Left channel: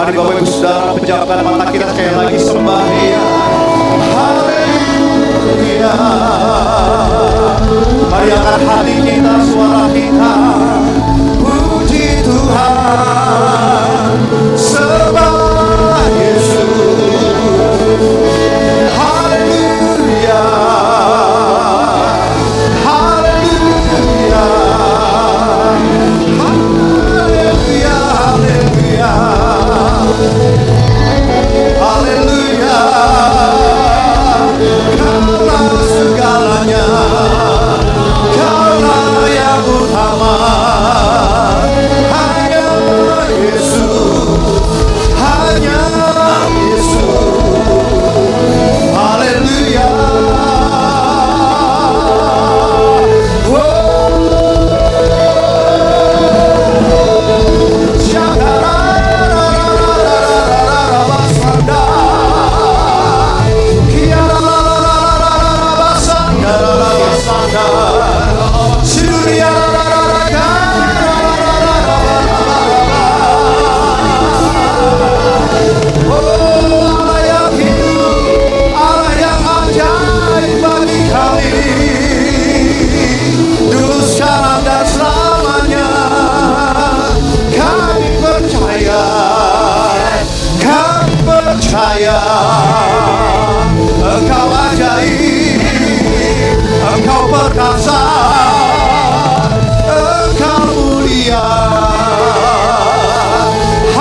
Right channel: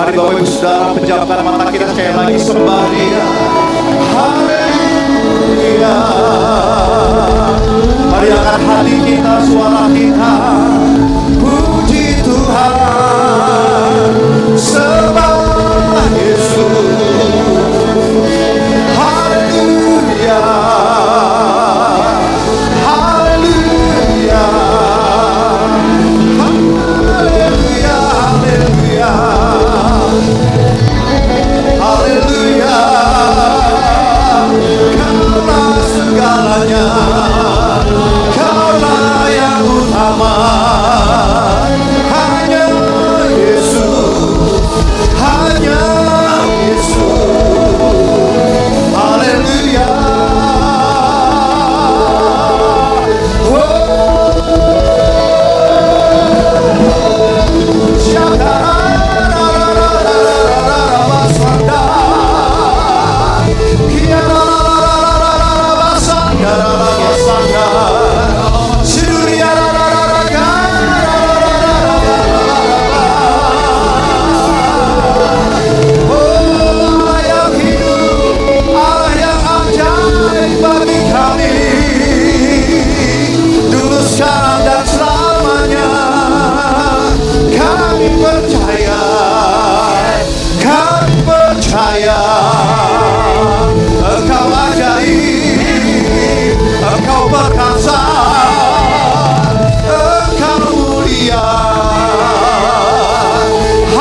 Mari Bapak Ibu Saudara pejamkan mata kita sekali lagi, sembah Dia. Haleluya. Mari angkat hati kita, suara kita, puji Tuhan, sembah Yesus. Haleluya. Haleluya. Haleluya. Haleluya. Haleluya, Kaulah segalanya, Kaulah yang utama, hanya Yesus, hanya Yesus. Haleluya. Oh, Allah yang hidup, Allah yang ajaib bagi kami, dulu, sekarang, dan selamanya. Kami percaya, kami percaya, Engkau ajaib, Engkau perkasa, Engkau mulia.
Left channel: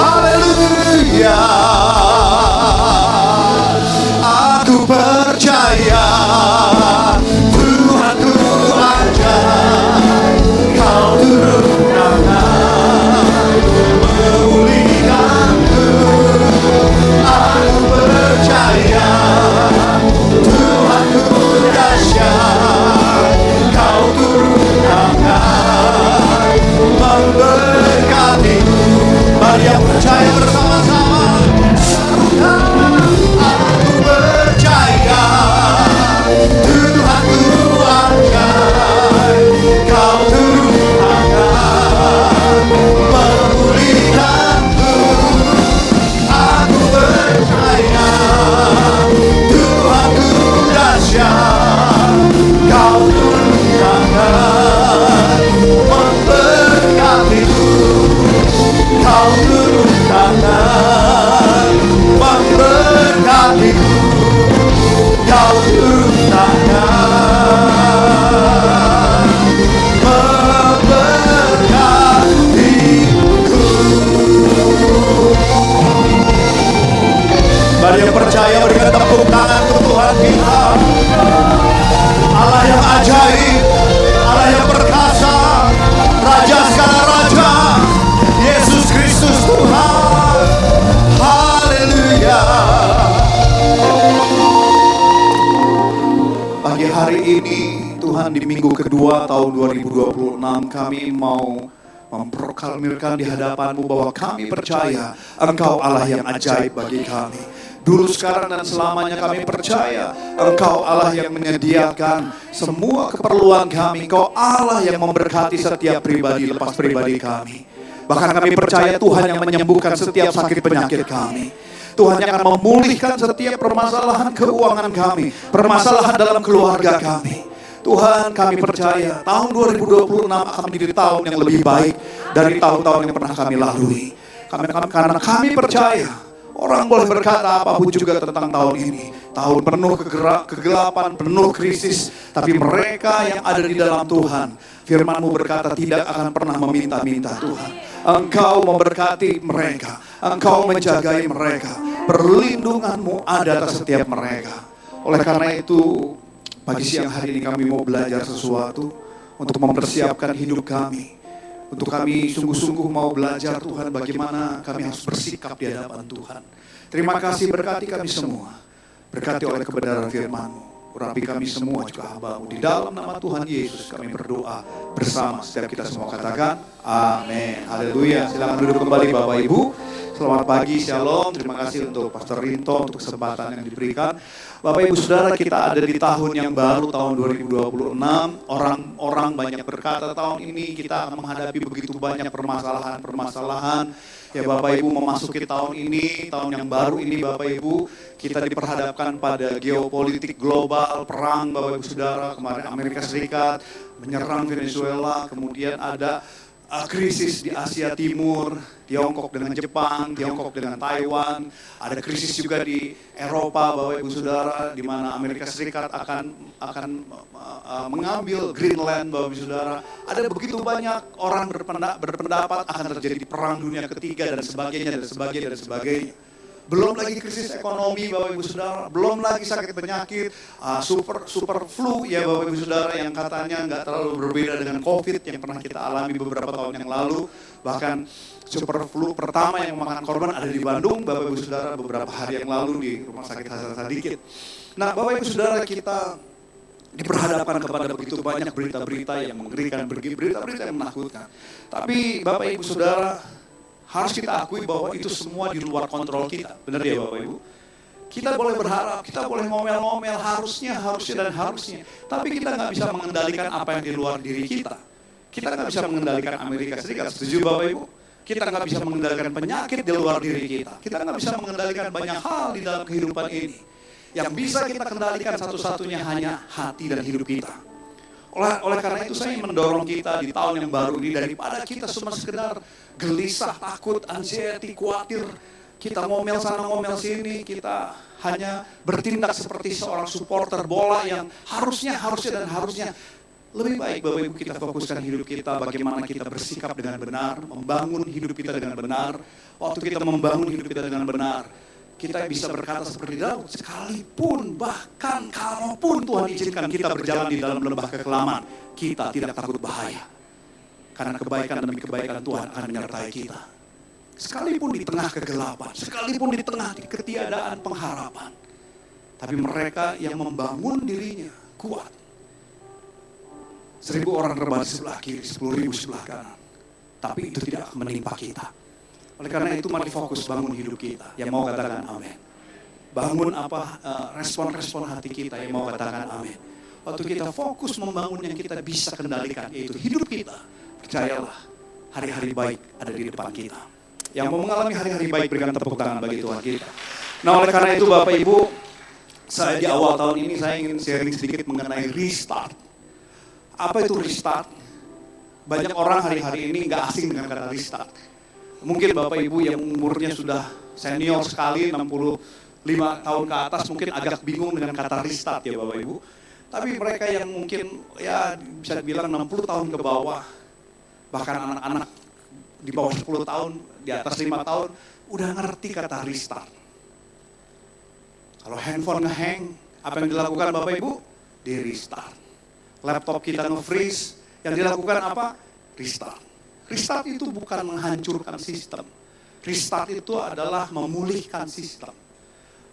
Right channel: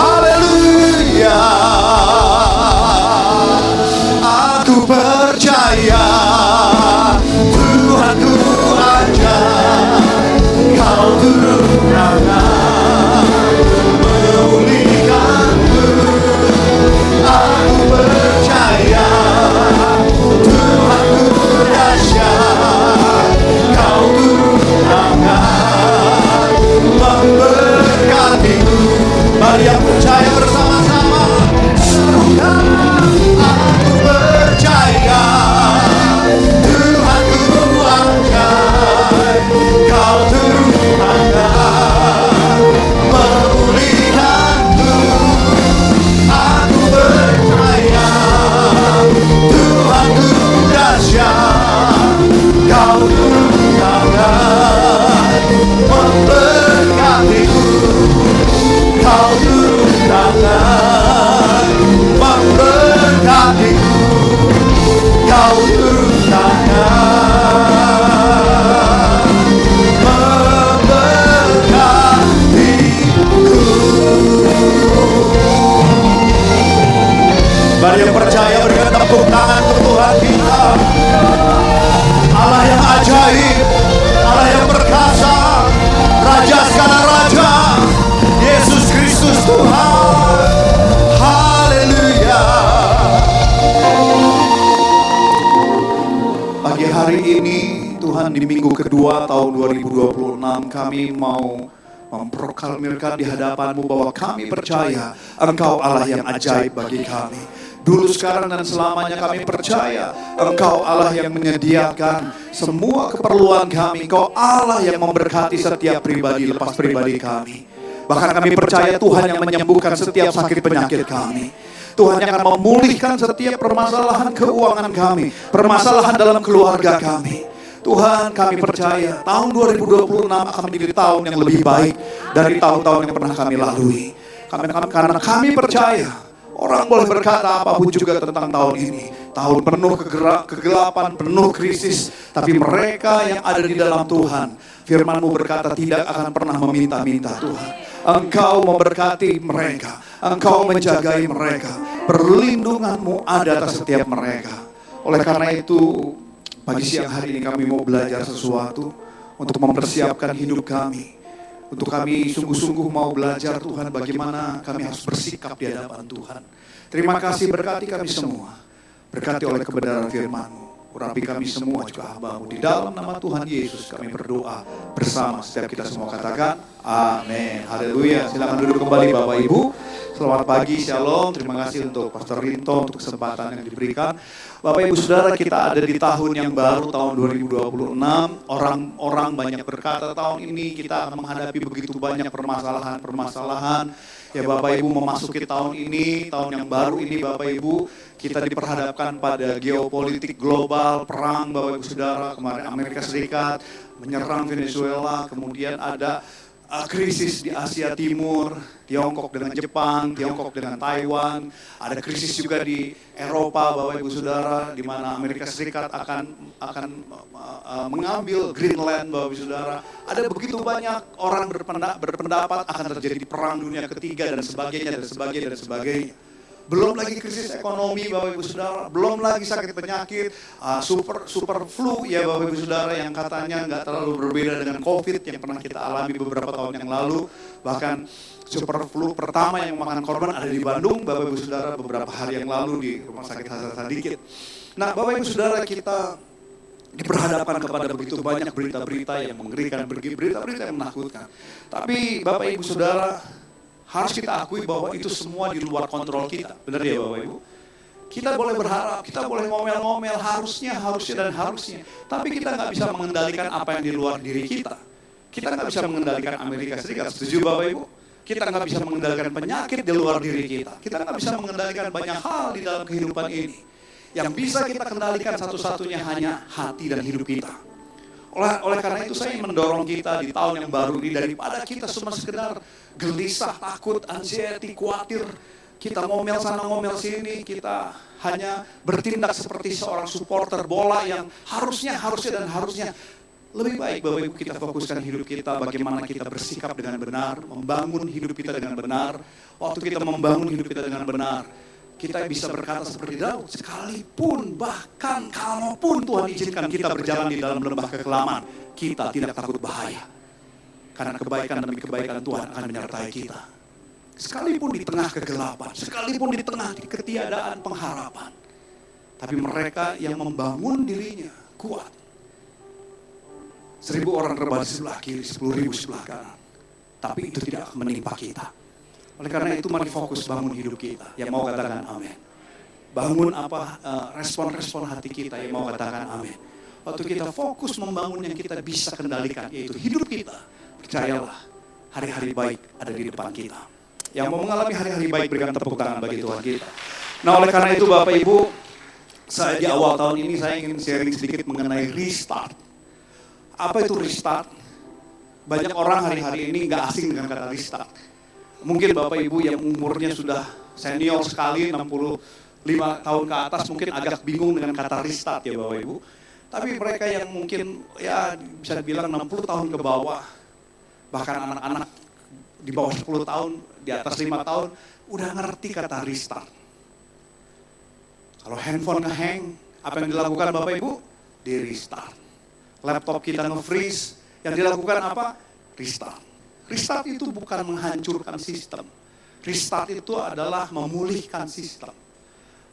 Haleluya. Aku percaya Tuhan ku ajaib, Kau turun tangan memulihkanku. Aku percaya Tuhan ku dahsyat, Kau turun tangan memberkatiku. Mari yang percaya bersama-sama serukan, aku percaya Tuhan ku ajaib, Kau turun tangan memulihkanku. Aku percaya Tuhan ku dahsyat, Kau turun tangan memberkatiku. Kau turun tangan memberkatiku. Kau turun tangan memberkatiku. Mari yang percaya berikan tepuk tangan untuk Tuhan kita. Allah yang ajaib, Allah yang perkasa, Raja segala raja, Yesus Kristus Tuhan. Haleluya. Pagi hari ini Tuhan, di minggu kedua tahun 2026, kami mau memproklamirkan di hadapan-Mu bahwa kami percaya Engkau Allah yang ajaib bagi kami. Dulu, sekarang, dan selamanya kami percaya Engkau Allah yang menyediakan semua keperluan kami. Engkau Allah yang memberkati setiap pribadi lepas pribadi kami. Bahkan kami percaya Tuhan yang menyembuhkan setiap sakit penyakit kami. Tuhan yang akan memulihkan setiap permasalahan keuangan kami, permasalahan dalam keluarga kami. Tuhan, kami percaya tahun 2026 akan menjadi tahun yang lebih baik dari tahun-tahun yang pernah kami lalui. Karena kami percaya, orang boleh berkata apapun juga tentang tahun ini. Tahun penuh kegelapan, penuh krisis. Tapi mereka yang ada di dalam Tuhan, firman-Mu berkata tidak akan pernah meminta-minta Tuhan. Engkau memberkati mereka, Engkau menjagai mereka. Perlindungan-Mu ada atas setiap mereka. Oleh karena itu, pagi siang hari ini kami mau belajar sesuatu untuk mempersiapkan hidup kami. Untuk kami sungguh-sungguh mau belajar Tuhan bagaimana kami harus bersikap di hadapan Tuhan. Terima kasih, berkati kami semua. Berkati oleh kebenaran firman-Mu. Urapi kami semua juga hamba-Mu. Di dalam nama Tuhan Yesus kami berdoa bersama. Setiap kita semua katakan amin. Haleluya. Silakan duduk kembali Bapak Ibu. Selamat pagi, shalom. Terima kasih untuk Pastor Rinto untuk kesempatan yang diberikan. Bapak Ibu Saudara, kita ada di tahun yang baru, tahun 2026. Orang banyak berkata tahun ini kita akan menghadapi begitu banyak permasalahan-permasalahan. Ya Bapak Ibu, memasuki tahun ini, tahun yang baru ini Bapak Ibu, kita diperhadapkan pada geopolitik global, perang Bapak Ibu Saudara. Kemarin Amerika Serikat menyerang Venezuela, kemudian ada krisis di Asia Timur, Tiongkok dengan Jepang, Tiongkok dengan Taiwan, ada krisis juga di Eropa Bapak Ibu Saudara, di mana Amerika Serikat akan mengambil Greenland Bapak Ibu Saudara. Ada begitu banyak orang berpendapat akan terjadi perang dunia ketiga dan sebagainya dan sebagainya dan sebagainya. Belum lagi krisis ekonomi Bapak Ibu Saudara, belum lagi sakit penyakit, super flu ya Bapak Ibu Saudara yang katanya nggak terlalu berbeda dengan COVID yang pernah kita alami beberapa tahun yang lalu. Bahkan super flu pertama yang memakan korban ada di Bandung Bapak Ibu Saudara beberapa hari yang lalu di Rumah Sakit Hasan Sadikin. Nah Bapak Ibu Saudara, kita diperhadapkan kepada begitu banyak berita-berita yang mengerikan, berita-berita yang menakutkan. Tapi Bapak Ibu Saudara, harus kita akui bahwa itu semua di luar kontrol kita. Benar ya Bapak Ibu? Kita boleh berharap, kita boleh ngomel-ngomel, harusnya. Tapi kita nggak bisa mengendalikan apa yang di luar diri kita. Kita nggak bisa mengendalikan Amerika Serikat, setuju Bapak Ibu? Kita nggak bisa mengendalikan penyakit di luar diri kita. Kita nggak bisa mengendalikan banyak hal di dalam kehidupan ini. Yang bisa kita kendalikan satu-satunya hanya hati dan hidup kita. Oleh karena itu saya ingin mendorong kita di tahun yang baru ini, daripada kita cuma sekedar gelisah, takut, anxiety, khawatir, kita ngomel sana ngomel sini, kita hanya bertindak seperti seorang supporter bola yang harusnya. Lebih baik Bapak Ibu kita fokuskan hidup kita, bagaimana kita bersikap dengan benar, membangun hidup kita dengan benar. Waktu kita membangun hidup kita dengan benar, kita bisa berkata seperti Daud, sekalipun bahkan kalaupun Tuhan izinkan kita berjalan di dalam lembah kekelaman, kita tidak takut bahaya. Karena kebaikan demi kebaikan Tuhan akan menyertai kita. Sekalipun di tengah kegelapan, sekalipun di tengah ketiadaan pengharapan. Tapi mereka yang membangun dirinya kuat. 1.000 orang rebah di sebelah kiri, 10.000 sebelah kanan. Tapi itu tidak akan menimpa kita. Oleh karena itu mari fokus bangun hidup kita. Yang mau katakan amin. Bangun respon-respon hati kita yang mau katakan amin. Waktu kita fokus membangun yang kita bisa kendalikan, yaitu hidup kita. Percayalah, hari-hari baik ada di depan kita. Yang mau mengalami hari-hari baik, berikan tepuk tangan bagi Tuhan kita. Nah oleh karena itu Bapak Ibu, saya di awal tahun ini saya ingin sharing sedikit mengenai restart. Apa itu restart? Banyak orang hari-hari ini nggak asing dengan kata restart. Mungkin Bapak Ibu yang umurnya sudah senior sekali, 65 tahun ke atas, mungkin agak bingung dengan kata restart ya Bapak Ibu. Tapi mereka yang mungkin ya bisa dibilang 60 tahun ke bawah, bahkan anak-anak di bawah 10 tahun, di atas 5 tahun, udah ngerti kata restart. Kalau handphone ngehang, apa yang dilakukan Bapak Ibu? Di restart. Laptop kita nge-freeze, yang dilakukan apa? Restart. Restart itu bukan menghancurkan sistem. Restart itu adalah memulihkan sistem.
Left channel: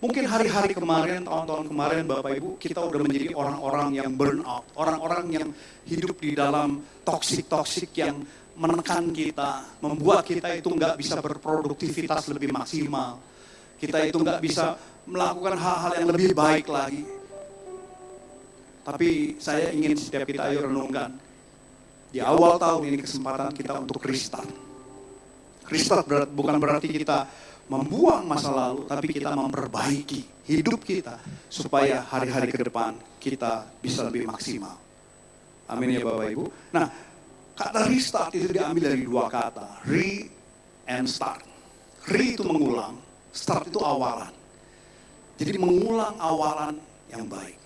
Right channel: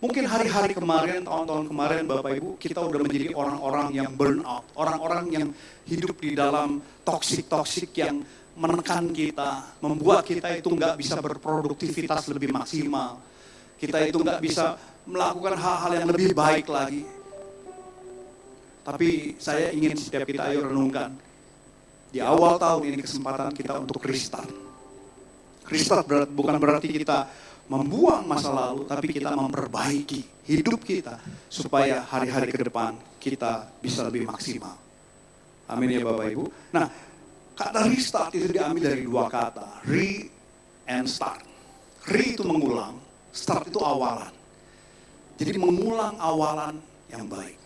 Mungkin hari-hari kemarin, tahun-tahun kemarin Bapak Ibu, kita udah menjadi orang-orang yang burn out. Orang-orang yang hidup di dalam toksik-toksik yang menekan kita. Membuat kita itu nggak bisa berproduktivitas lebih maksimal. Kita itu nggak bisa melakukan hal-hal yang lebih baik lagi. Tapi saya ingin setiap kita ayo renungkan. Di awal tahun ini kesempatan kita untuk restart. Restart bukan berarti kita membuang masa lalu, tapi kita memperbaiki hidup kita supaya hari-hari ke depan kita bisa lebih maksimal. Amin ya Bapak Ibu. Nah, kata restart itu diambil dari dua kata, re and start. Re itu mengulang, start itu awalan. Jadi mengulang awalan yang baik.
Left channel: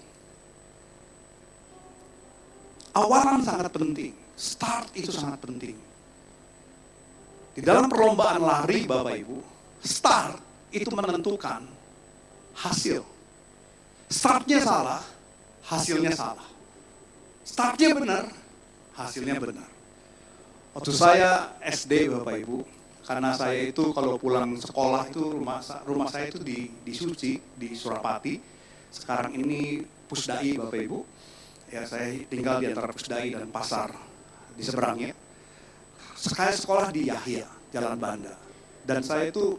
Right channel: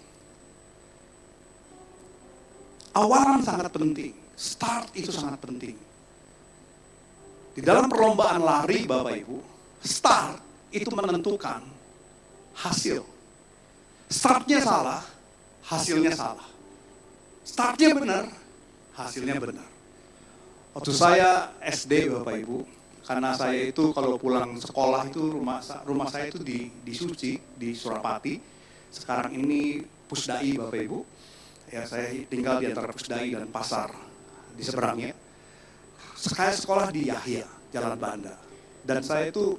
Awalan sangat penting, start itu sangat penting. Di dalam perlombaan lari Bapak Ibu, start itu menentukan hasil. Startnya salah, hasilnya salah. Startnya benar, hasilnya benar. Waktu saya SD Bapak Ibu, karena saya itu kalau pulang sekolah itu rumah saya itu di Suci, di Surapati. Sekarang ini Pusdai Bapak Ibu. Ya, saya tinggal di antara Pusdai dan pasar di seberangnya. Saya sekolah di Yahya, Jalan Banda. Dan saya itu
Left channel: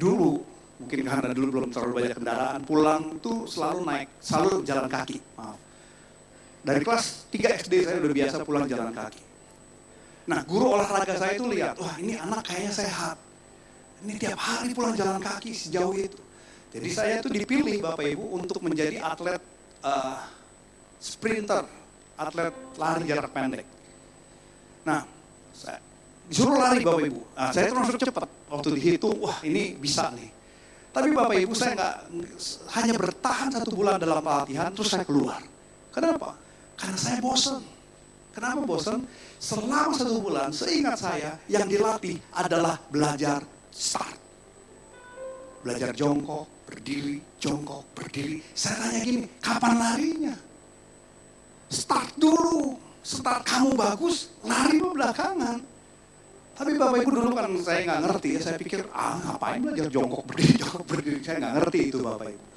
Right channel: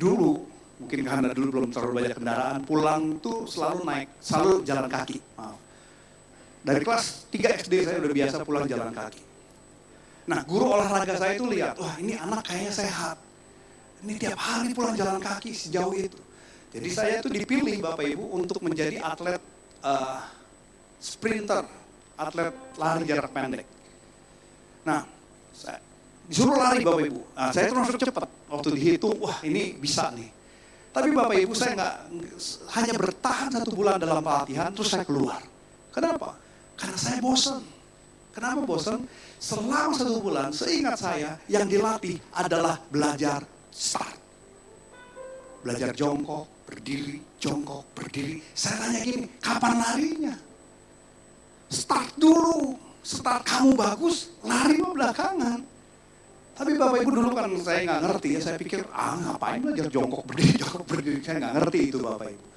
dulu, mungkin karena dulu belum terlalu banyak kendaraan, pulang tuh selalu jalan kaki. Maaf. Dari kelas 3 SD saya udah biasa pulang jalan kaki. Nah, guru olahraga saya itu lihat, wah ini anak kayaknya sehat. Ini tiap hari pulang jalan kaki sejauh itu. Jadi saya tuh dipilih Bapak Ibu untuk menjadi atlet sprinter, atlet lari jarak pendek. Nah, saya disuruh lari Bapak Ibu. Nah, saya termasuk cepat. Waktu dihitung, wah ini bisa nih. Tapi Bapak Ibu saya nggak hanya bertahan 1 bulan dalam pelatihan, terus saya keluar. Kenapa? Karena saya bosan. Kenapa bosan? Selama 1 bulan, seingat saya, yang dilatih adalah belajar start. Belajar jongkok, berdiri, jongkok, berdiri. Saya tanya gini, kapan larinya? Start dulu. Start kamu bagus, lari mah belakangan. Tapi Bapak Ibu dulu kan saya nggak ngerti ya, saya pikir ngapain belajar jongkok berdiri, saya nggak ngerti itu Bapak Ibu.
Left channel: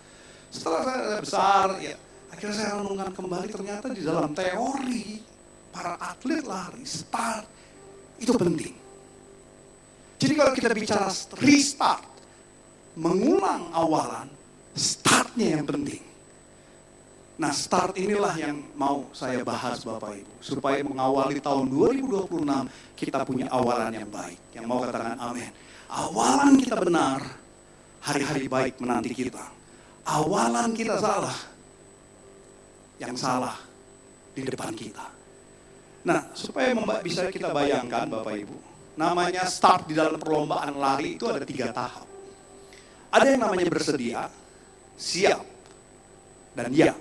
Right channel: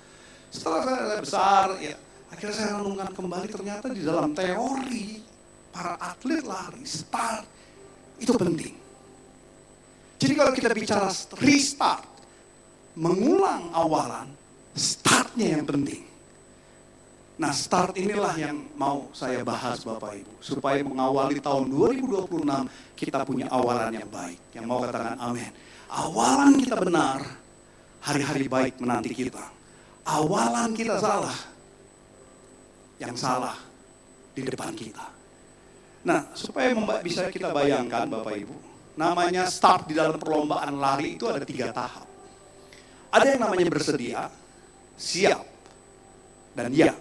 Setelah saya besar, ya akhirnya saya renungkan kembali ternyata di dalam teori para atlet lari, start itu penting. Jadi kalau kita bicara restart, mengulang awalan, startnya yang penting. Nah, start inilah yang mau saya bahas Bapak Ibu. Supaya mengawali tahun 2026 kita punya awalan yang baik. Yang mau katakan amin. Awalan kita benar, hari-hari baik menanti kita. Awalan kita salah, yang salah di depan kita. Nah, supaya bisa kita bayangkan Bapak Ibu. Namanya start di dalam perlombaan lari itu ada 3 tahap. Ada yang namanya bersedia, siap, dan ya.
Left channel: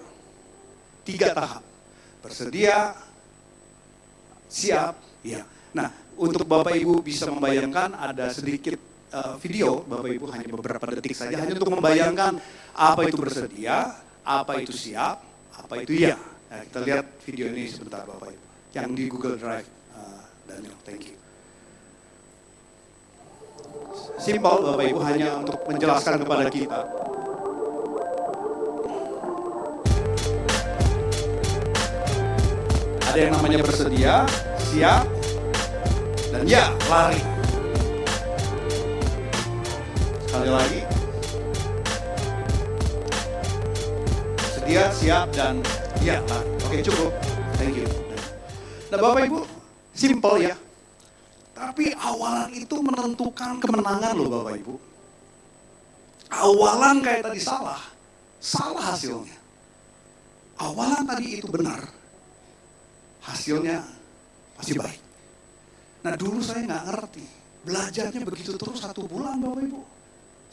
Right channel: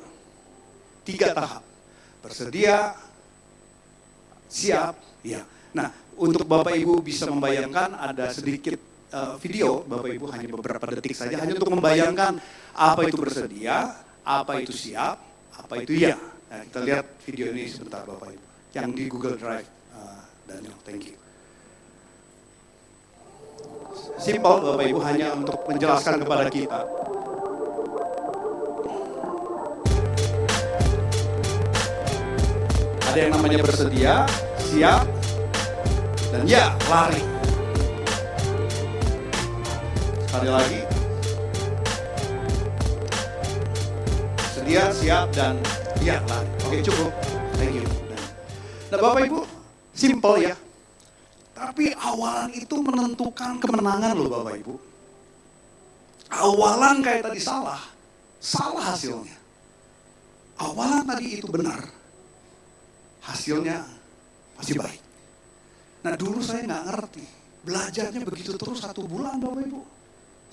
3 tahap. Bersedia, siap, ya. Nah, untuk Bapak Ibu bisa membayangkan ada sedikit video, Bapak Ibu hanya beberapa detik saja, hanya untuk membayangkan apa itu bersedia, apa itu siap, apa itu ya. Nah, kita lihat video ini sebentar Bapak Ibu. Yang di Google Drive, Daniel, thank you. Simple Bapak Ibu, hanya untuk menjelaskan kepada kita. Ada yang namanya bersedia, siap, dan ya, lari. Sekali lagi. Bersedia, siap, dan ya, lari. Oke, cukup. Thank you. Nah, Bapak Ibu, simple ya. Tapi awalan itu menentukan kemenangan loh Bapak Ibu. Awalan kayak tadi salah hasilnya. Awalan tadi itu benar, hasilnya pasti baik. Nah dulu saya nggak ngerti, belajarnya begitu terus 1 bulan Bapak Ibu.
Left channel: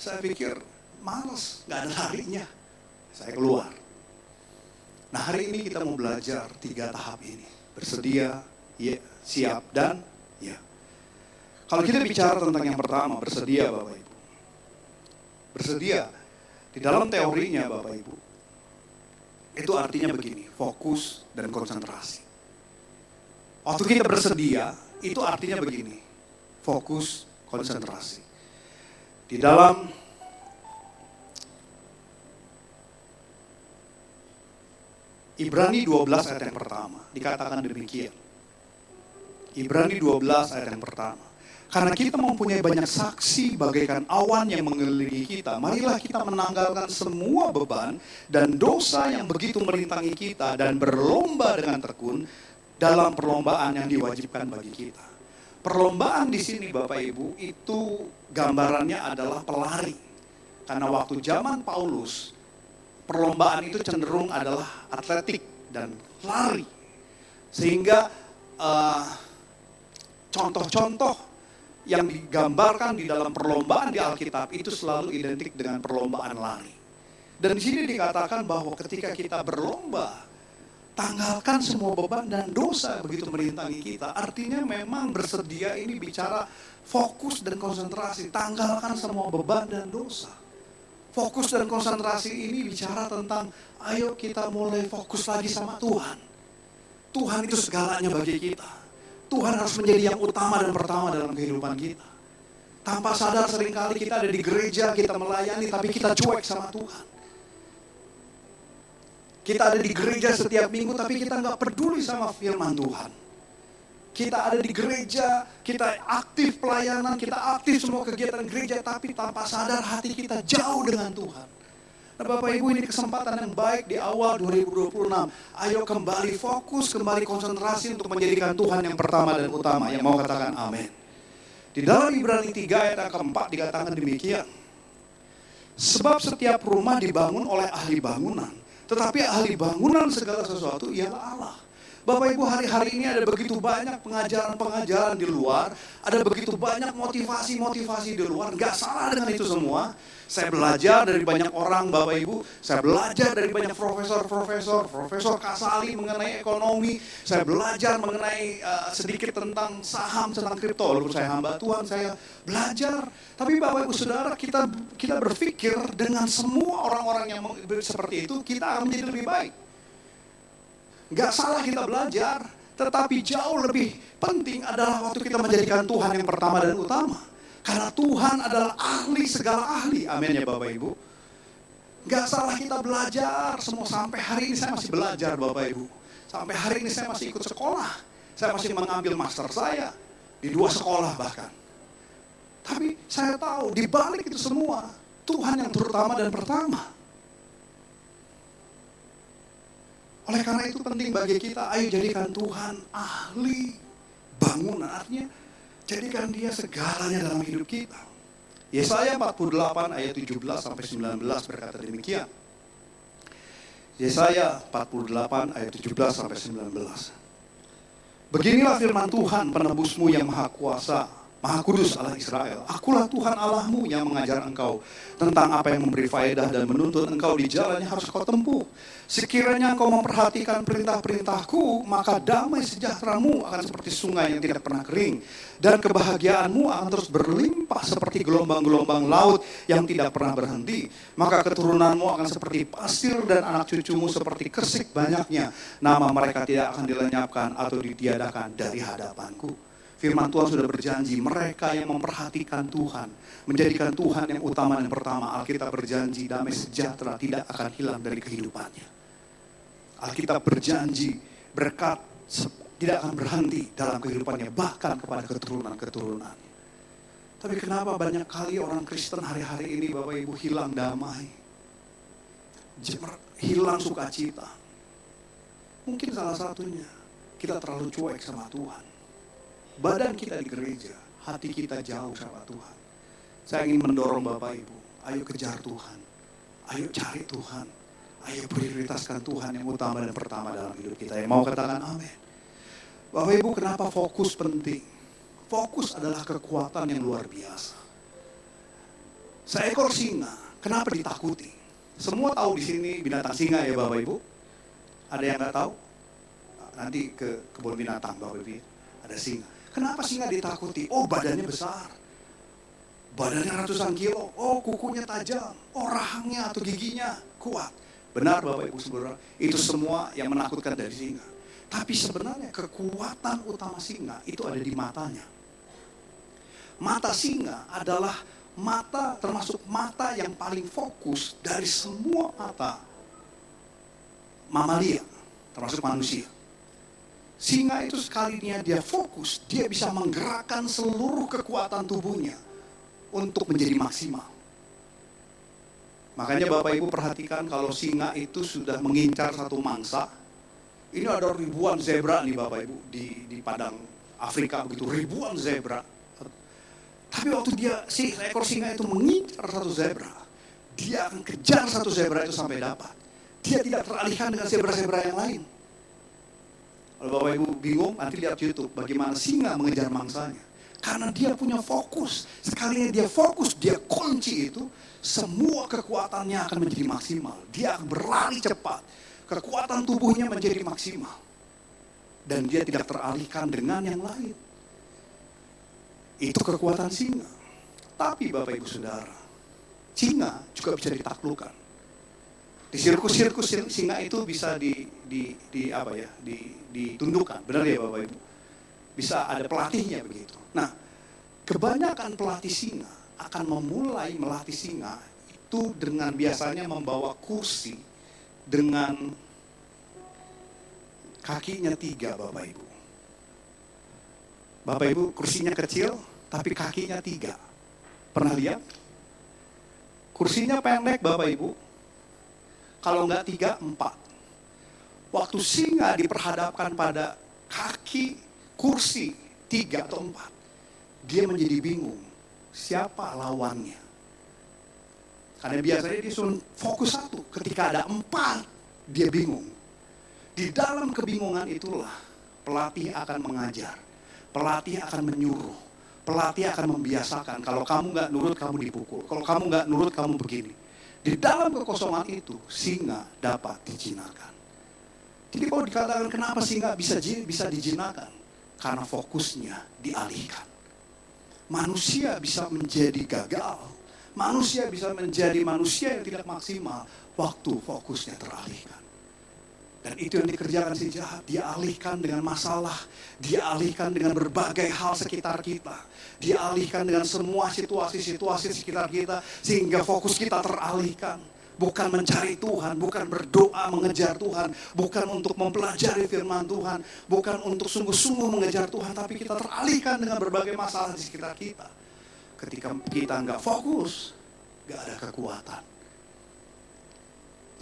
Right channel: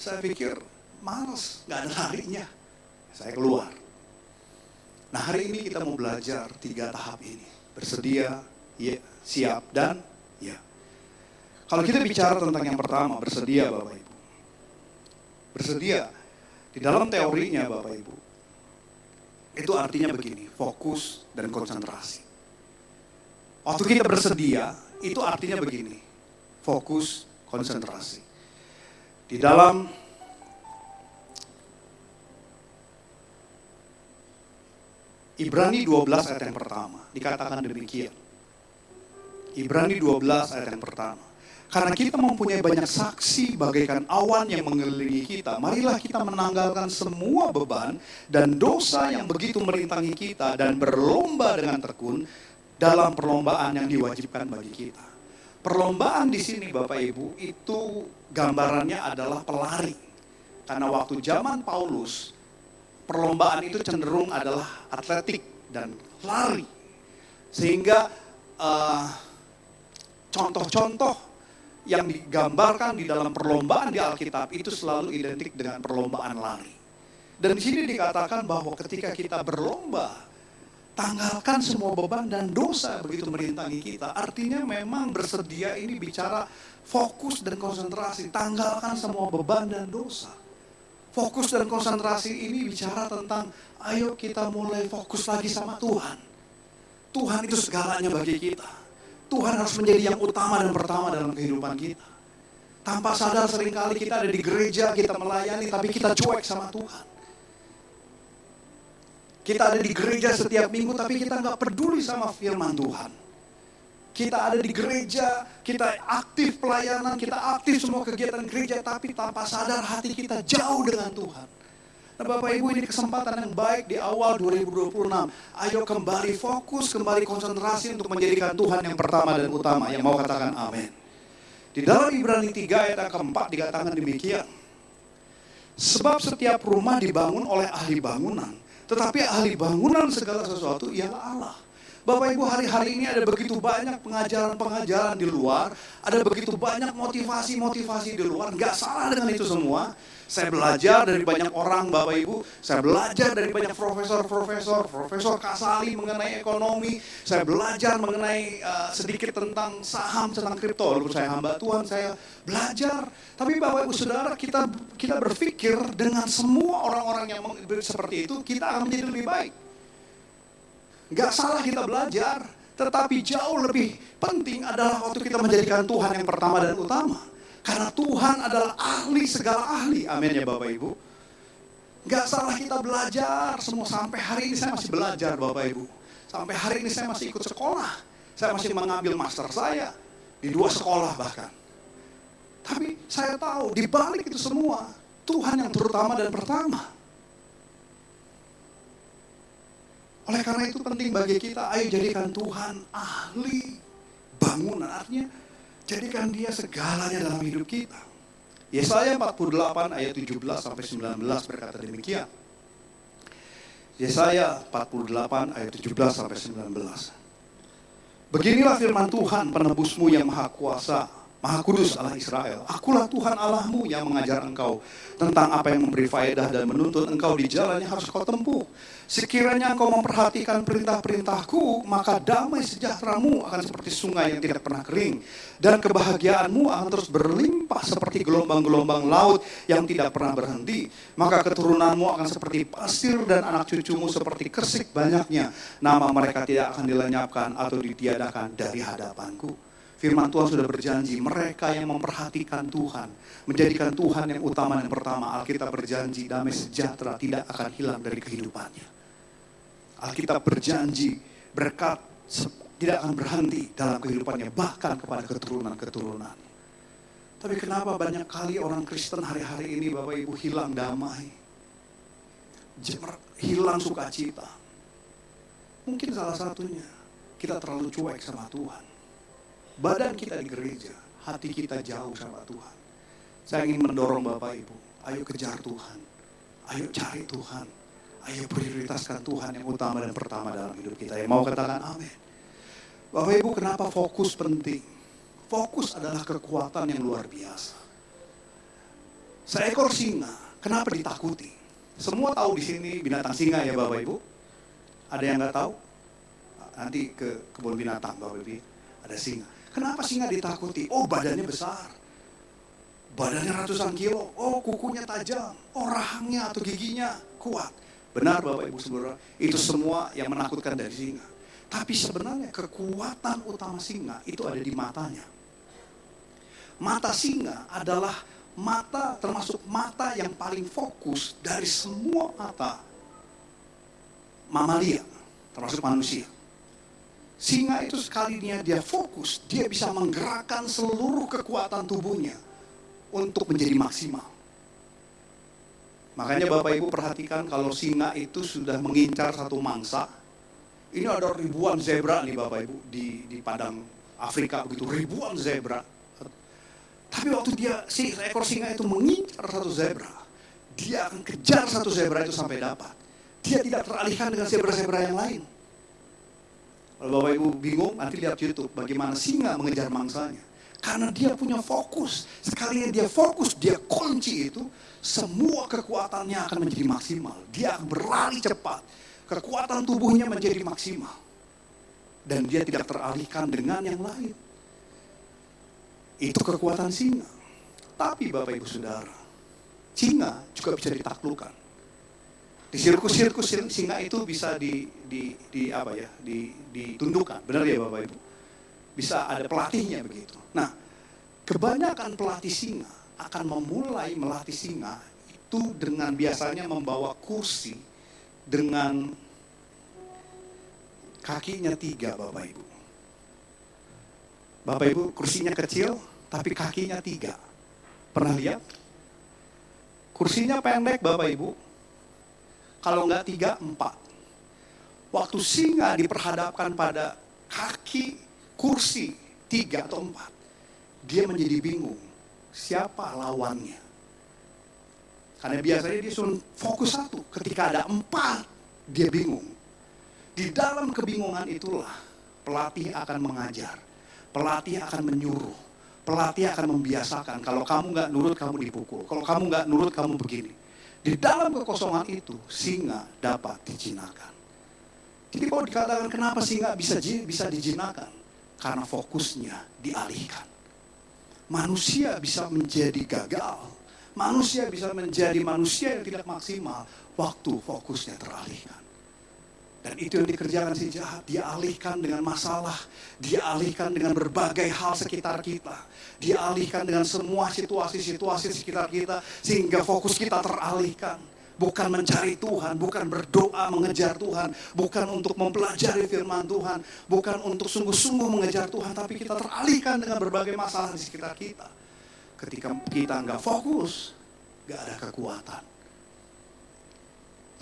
Saya pikir malas, nggak ada larinya. Saya keluar. Nah hari ini kita mau belajar 3 tahap ini. Bersedia, ya, siap, dan ya. Kalau kita bicara tentang yang pertama, bersedia Bapak Ibu. Bersedia, di dalam teorinya Bapak Ibu, itu artinya begini, fokus dan konsentrasi. Waktu kita bersedia, itu artinya begini, fokus, konsentrasi. Di dalam Ibrani 12 ayat yang pertama, dikatakan demikian. Ibrani 12 ayat yang pertama. Karena kita mempunyai banyak saksi bagaikan awan yang mengelilingi kita, marilah kita menanggalkan semua beban dan dosa yang begitu merintangi kita dan berlomba dengan tekun dalam perlombaan yang diwajibkan bagi kita. Perlombaan di sini Bapak Ibu itu gambarannya adalah pelari. Karena waktu zaman Paulus, perlombaan itu cenderung adalah atletik dan lari. Sehingga contoh-contoh yang digambarkan di dalam perlombaan di Alkitab itu selalu identik dengan perlombaan lari. Dan di sini dikatakan bahwa ketika kita berlomba, tanggalkan semua beban dan dosa begitu merintangi kita. Artinya memang bersedia ini bicara fokus dan konsentrasi. Tanggalkan semua beban dan dosa. Fokus dan konsentrasi ini bicara tentang ayo kita mulai fokus lagi sama Tuhan. Tuhan itu segalanya bagi kita. Tuhan harus menjadi yang utama dan pertama dalam kehidupan kita. Tanpa sadar seringkali kita ada di gereja, kita melayani, tapi kita cuek sama Tuhan. Kita ada di gereja setiap minggu, tapi kita nggak peduli sama firman Tuhan. Kita ada di gereja, kita aktif pelayanan, kita aktif semua kegiatan gereja, tapi tanpa sadar hati kita jauh dengan Tuhan. Nah Bapak Ibu, ini kesempatan yang baik di awal 2026. Ayo kembali fokus, kembali konsentrasi untuk menjadikan Tuhan yang pertama dan utama. Yang mau katakan amin. Di dalam Ibrani 3 ayat yang keempat dikatakan demikian. Sebab setiap rumah dibangun oleh ahli bangunan. Tetapi ahli bangunan segala sesuatu ialah Allah. Bapak Ibu, hari-hari ini ada begitu banyak pengajaran-pengajaran di luar, ada begitu banyak motivasi-motivasi di luar, nggak salah dengan itu semua. Saya belajar dari banyak orang Bapak Ibu, saya belajar dari banyak Profesor Kasali mengenai ekonomi, saya belajar mengenai sedikit tentang saham, tentang kripto, walaupun saya hamba Tuhan, saya belajar. Tapi Bapak Ibu Saudara, kita berpikir dengan semua orang-orang yang seperti itu, kita akan menjadi lebih baik. Gak salah kita belajar, tetapi jauh lebih penting adalah waktu kita menjadikan Tuhan yang pertama dan utama. Karena Tuhan adalah ahli segala ahli, amin ya Bapak Ibu. Gak salah kita belajar, semua sampai hari ini saya masih belajar Bapak Ibu. Sampai hari ini saya masih ikut sekolah, saya masih mengambil master saya, di 2 sekolah bahkan. Tapi saya tahu di balik itu semua, Tuhan yang terutama dan pertama. Oleh karena itu penting bagi kita, ayo jadikan Tuhan ahli bangunan. Artinya, jadikan dia segalanya dalam hidup kita. Yesaya 48 ayat 17 sampai 19 berkata demikian. Yesaya 48 ayat 17 sampai 19. Beginilah firman Tuhan penebusmu yang maha kuasa, maha kudus Allah Israel. Akulah Tuhan Allahmu yang mengajar engkau tentang apa yang memberi faedah dan menuntun engkau di jalan yang harus kau tempuh. Sekiranya engkau memperhatikan perintah-perintahku, maka damai sejahteramu akan seperti sungai yang tidak pernah kering. Dan kebahagiaanmu akan terus berlimpah seperti gelombang-gelombang laut yang tidak pernah berhenti. Maka keturunanmu akan seperti pasir dan anak cucumu seperti kersik banyaknya. Nama mereka tidak akan dilenyapkan atau ditiadakan dari hadapanku. Firman Tuhan sudah berjanji, mereka yang memperhatikan Tuhan, menjadikan Tuhan yang utama dan pertama, Alkitab berjanji damai sejahtera tidak akan hilang dari kehidupannya. Alkitab berjanji berkat tidak akan berhenti dalam kehidupannya, bahkan kepada keturunan-keturunan. Tapi kenapa banyak kali orang Kristen hari-hari ini Bapak Ibu hilang damai, hilang sukacita? Mungkin salah satunya kita terlalu cuek sama Tuhan. Badan kita di gereja, hati kita jauh sama Tuhan. Saya ingin mendorong Bapak Ibu, ayo kejar Tuhan, ayo cari Tuhan, ayo prioritaskan Tuhan yang utama dan pertama dalam hidup kita. Yang mau katakan amin. Bapak Ibu, kenapa fokus penting? Fokus adalah kekuatan yang luar biasa. Seekor singa, kenapa ditakuti? Semua tahu di sini binatang singa ya Bapak Ibu? Ada yang nggak tahu? Nanti ke kebun binatang Bapak Ibu, ada singa. Kenapa singa ditakuti? Oh, badannya besar. Badannya ratusan kilo. Oh, kukunya tajam. Oh, rahangnya atau giginya kuat. Benar Bapak Ibu Saudara, itu semua yang menakutkan dari singa. Tapi sebenarnya kekuatan utama singa itu ada di matanya. Mata singa adalah mata, termasuk mata yang paling fokus dari semua mata mamalia, termasuk manusia. Singa itu sekalinya dia fokus, dia bisa menggerakkan seluruh kekuatan tubuhnya untuk menjadi maksimal. Makanya Bapak Ibu perhatikan kalau singa itu sudah mengincar satu mangsa, ini ada ribuan zebra nih Bapak Ibu di padang Afrika begitu, ribuan zebra. Tapi waktu seekor singa itu mengincar satu zebra, dia akan kejar satu zebra itu sampai dapat. Dia tidak teralihkan dengan zebra-zebra yang lain. Kalau Bapak Ibu bingung, nanti lihat YouTube bagaimana singa mengejar mangsanya. Karena dia punya fokus. Sekalinya dia fokus, dia kunci itu, semua kekuatannya akan menjadi maksimal. Dia akan berlari cepat. Kekuatan tubuhnya menjadi maksimal. Dan dia tidak teralihkan dengan yang lain. Itu kekuatan singa. Tapi Bapak Ibu Saudara, singa juga bisa ditaklukkan. Di sirkus-sirkus singa itu bisa ditundukkan. Benar ya Bapak Ibu? Bisa ada pelatihnya begitu. Nah, kebanyakan pelatih singa akan memulai melatih singa itu dengan biasanya membawa kursi dengan kakinya 3 Bapak Ibu. Bapak Ibu, kursinya kecil tapi kakinya 3. Pernah lihat? Kursinya pendek Bapak Ibu. Kalau enggak 3, 4. Waktu singa diperhadapkan pada kaki kursi 3 atau 4, dia menjadi bingung siapa lawannya. Karena biasanya dia cuma fokus 1, ketika ada 4 dia bingung. Di dalam kebingungan itulah pelatih akan mengajar, pelatih akan menyuruh, pelatih akan membiasakan. Kalau kamu nggak nurut kamu dipukul, kalau kamu nggak nurut kamu begini. Di dalam kekosongan itu singa dapat dijinakan. Jadi kalau dikatakan kenapa singa bisa dijinakan? Karena fokusnya dialihkan. Manusia bisa menjadi gagal. Manusia bisa menjadi manusia yang tidak maksimal waktu fokusnya teralihkan. Dan itu yang dikerjakan si jahat. Dia alihkan dengan masalah. Dia alihkan dengan berbagai hal sekitar kita. Dia alihkan dengan semua situasi-situasi sekitar kita. Sehingga fokus kita teralihkan. Bukan mencari Tuhan, bukan berdoa mengejar Tuhan, bukan untuk mempelajari firman Tuhan, bukan untuk sungguh-sungguh mengejar Tuhan, tapi kita teralihkan dengan berbagai masalah di sekitar kita. Ketika kita nggak fokus, nggak ada kekuatan.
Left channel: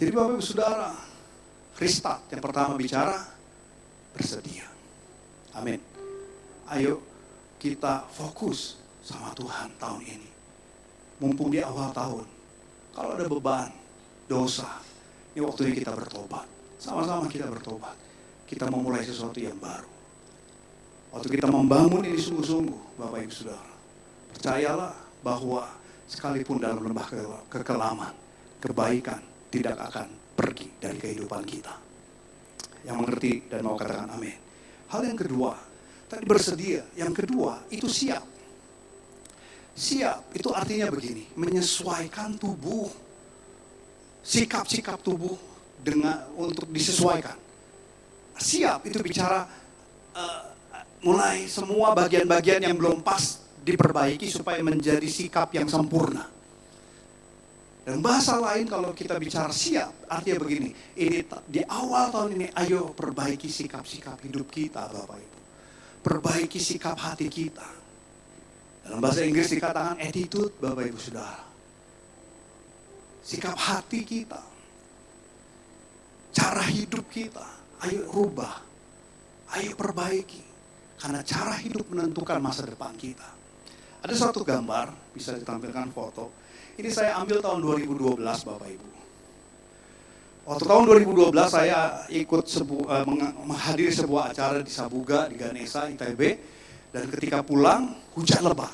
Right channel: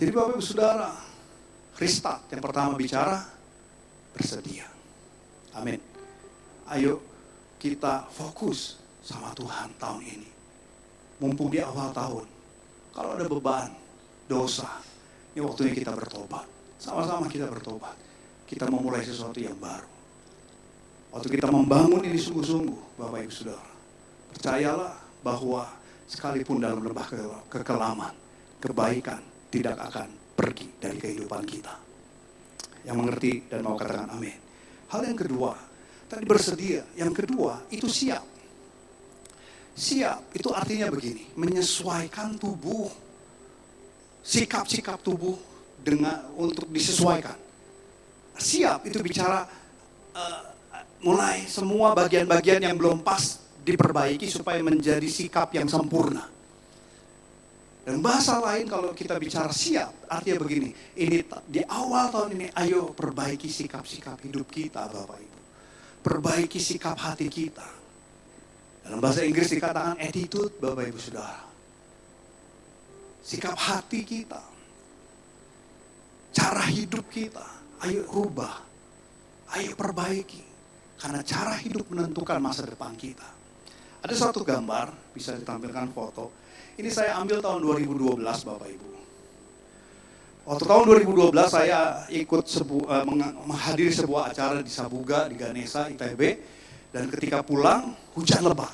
Jadi Bapak Ibu Saudara, restart yang pertama bicara, bersedia. Amin. Ayo kita fokus sama Tuhan tahun ini. Mumpung di awal tahun, kalau ada beban, dosa, ini waktunya kita bertobat. Sama-sama kita bertobat. Kita memulai sesuatu yang baru. Waktu kita membangun ini sungguh-sungguh, Bapak Ibu Saudara, percayalah bahwa sekalipun dalam lembah kekelaman, kebaikan tidak akan pergi dari kehidupan kita. Yang mengerti dan mau katakan amin. Hal yang kedua, tadi bersedia. Yang kedua, itu siap. Siap, itu artinya begini, menyesuaikan tubuh. Sikap-sikap tubuh untuk disesuaikan. Siap itu bicara mulai semua bagian-bagian yang belum pas diperbaiki supaya menjadi sikap yang sempurna. Dan bahasa lain kalau kita bicara siap, artinya begini, ini di awal tahun ini ayo perbaiki sikap-sikap hidup kita Bapak Ibu. Perbaiki sikap hati kita. Dalam bahasa Inggris dikatakan attitude Bapak Ibu Saudara. Sikap hati kita, cara hidup kita, ayo rubah, ayo perbaiki. Karena cara hidup menentukan masa depan kita. Ada satu gambar, bisa ditampilkan foto. Ini saya ambil tahun 2012 Bapak Ibu. Waktu tahun 2012 saya ikut menghadiri sebuah acara di Sabuga, di Ganesha, ITB. Dan ketika pulang, hujan lebat.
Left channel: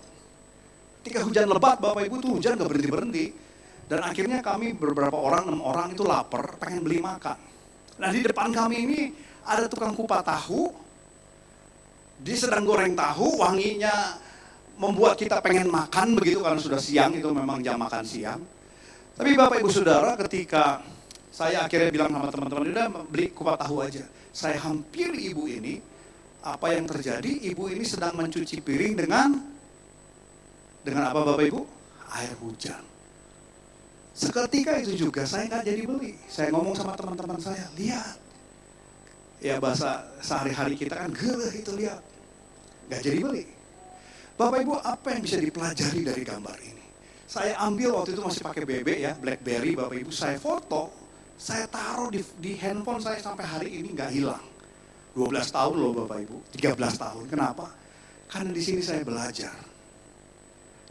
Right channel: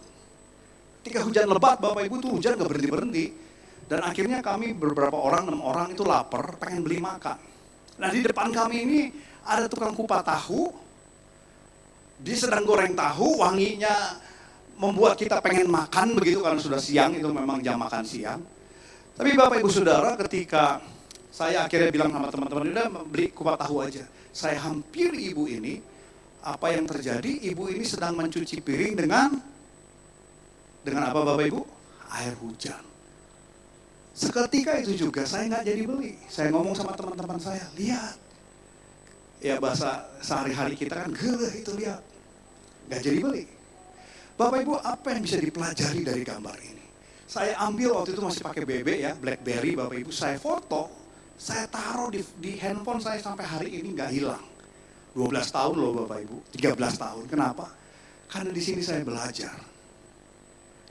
Ketika hujan lebat Bapak Ibu tuh hujan gak berhenti-berhenti. Dan akhirnya kami beberapa orang, 6 orang itu lapar, pengen beli makan. Nah di depan kami ini ada tukang kupat tahu. Dia sedang goreng tahu, wanginya membuat kita pengen makan begitu karena sudah siang, itu memang jam makan siang. Tapi Bapak Ibu Saudara ketika saya akhirnya bilang sama teman-teman, udah beli kupat tahu aja. Saya hampiri ibu ini, apa yang terjadi? Ibu ini sedang mencuci piring dengan apa Bapak Ibu? Air hujan. Seketika itu juga saya nggak jadi beli. Saya ngomong sama teman-teman saya, lihat. Ya bahasa sehari-hari kita kan geleh itu lihat. Nggak jadi beli. Bapak Ibu apa yang bisa dipelajari dari gambar ini? Saya ambil waktu itu masih pakai BB ya, BlackBerry Bapak Ibu. Saya foto, saya taruh di handphone saya sampai hari ini nggak hilang. 12 tahun loh Bapak Ibu, 13 tahun. Kenapa? Karena di sini saya belajar.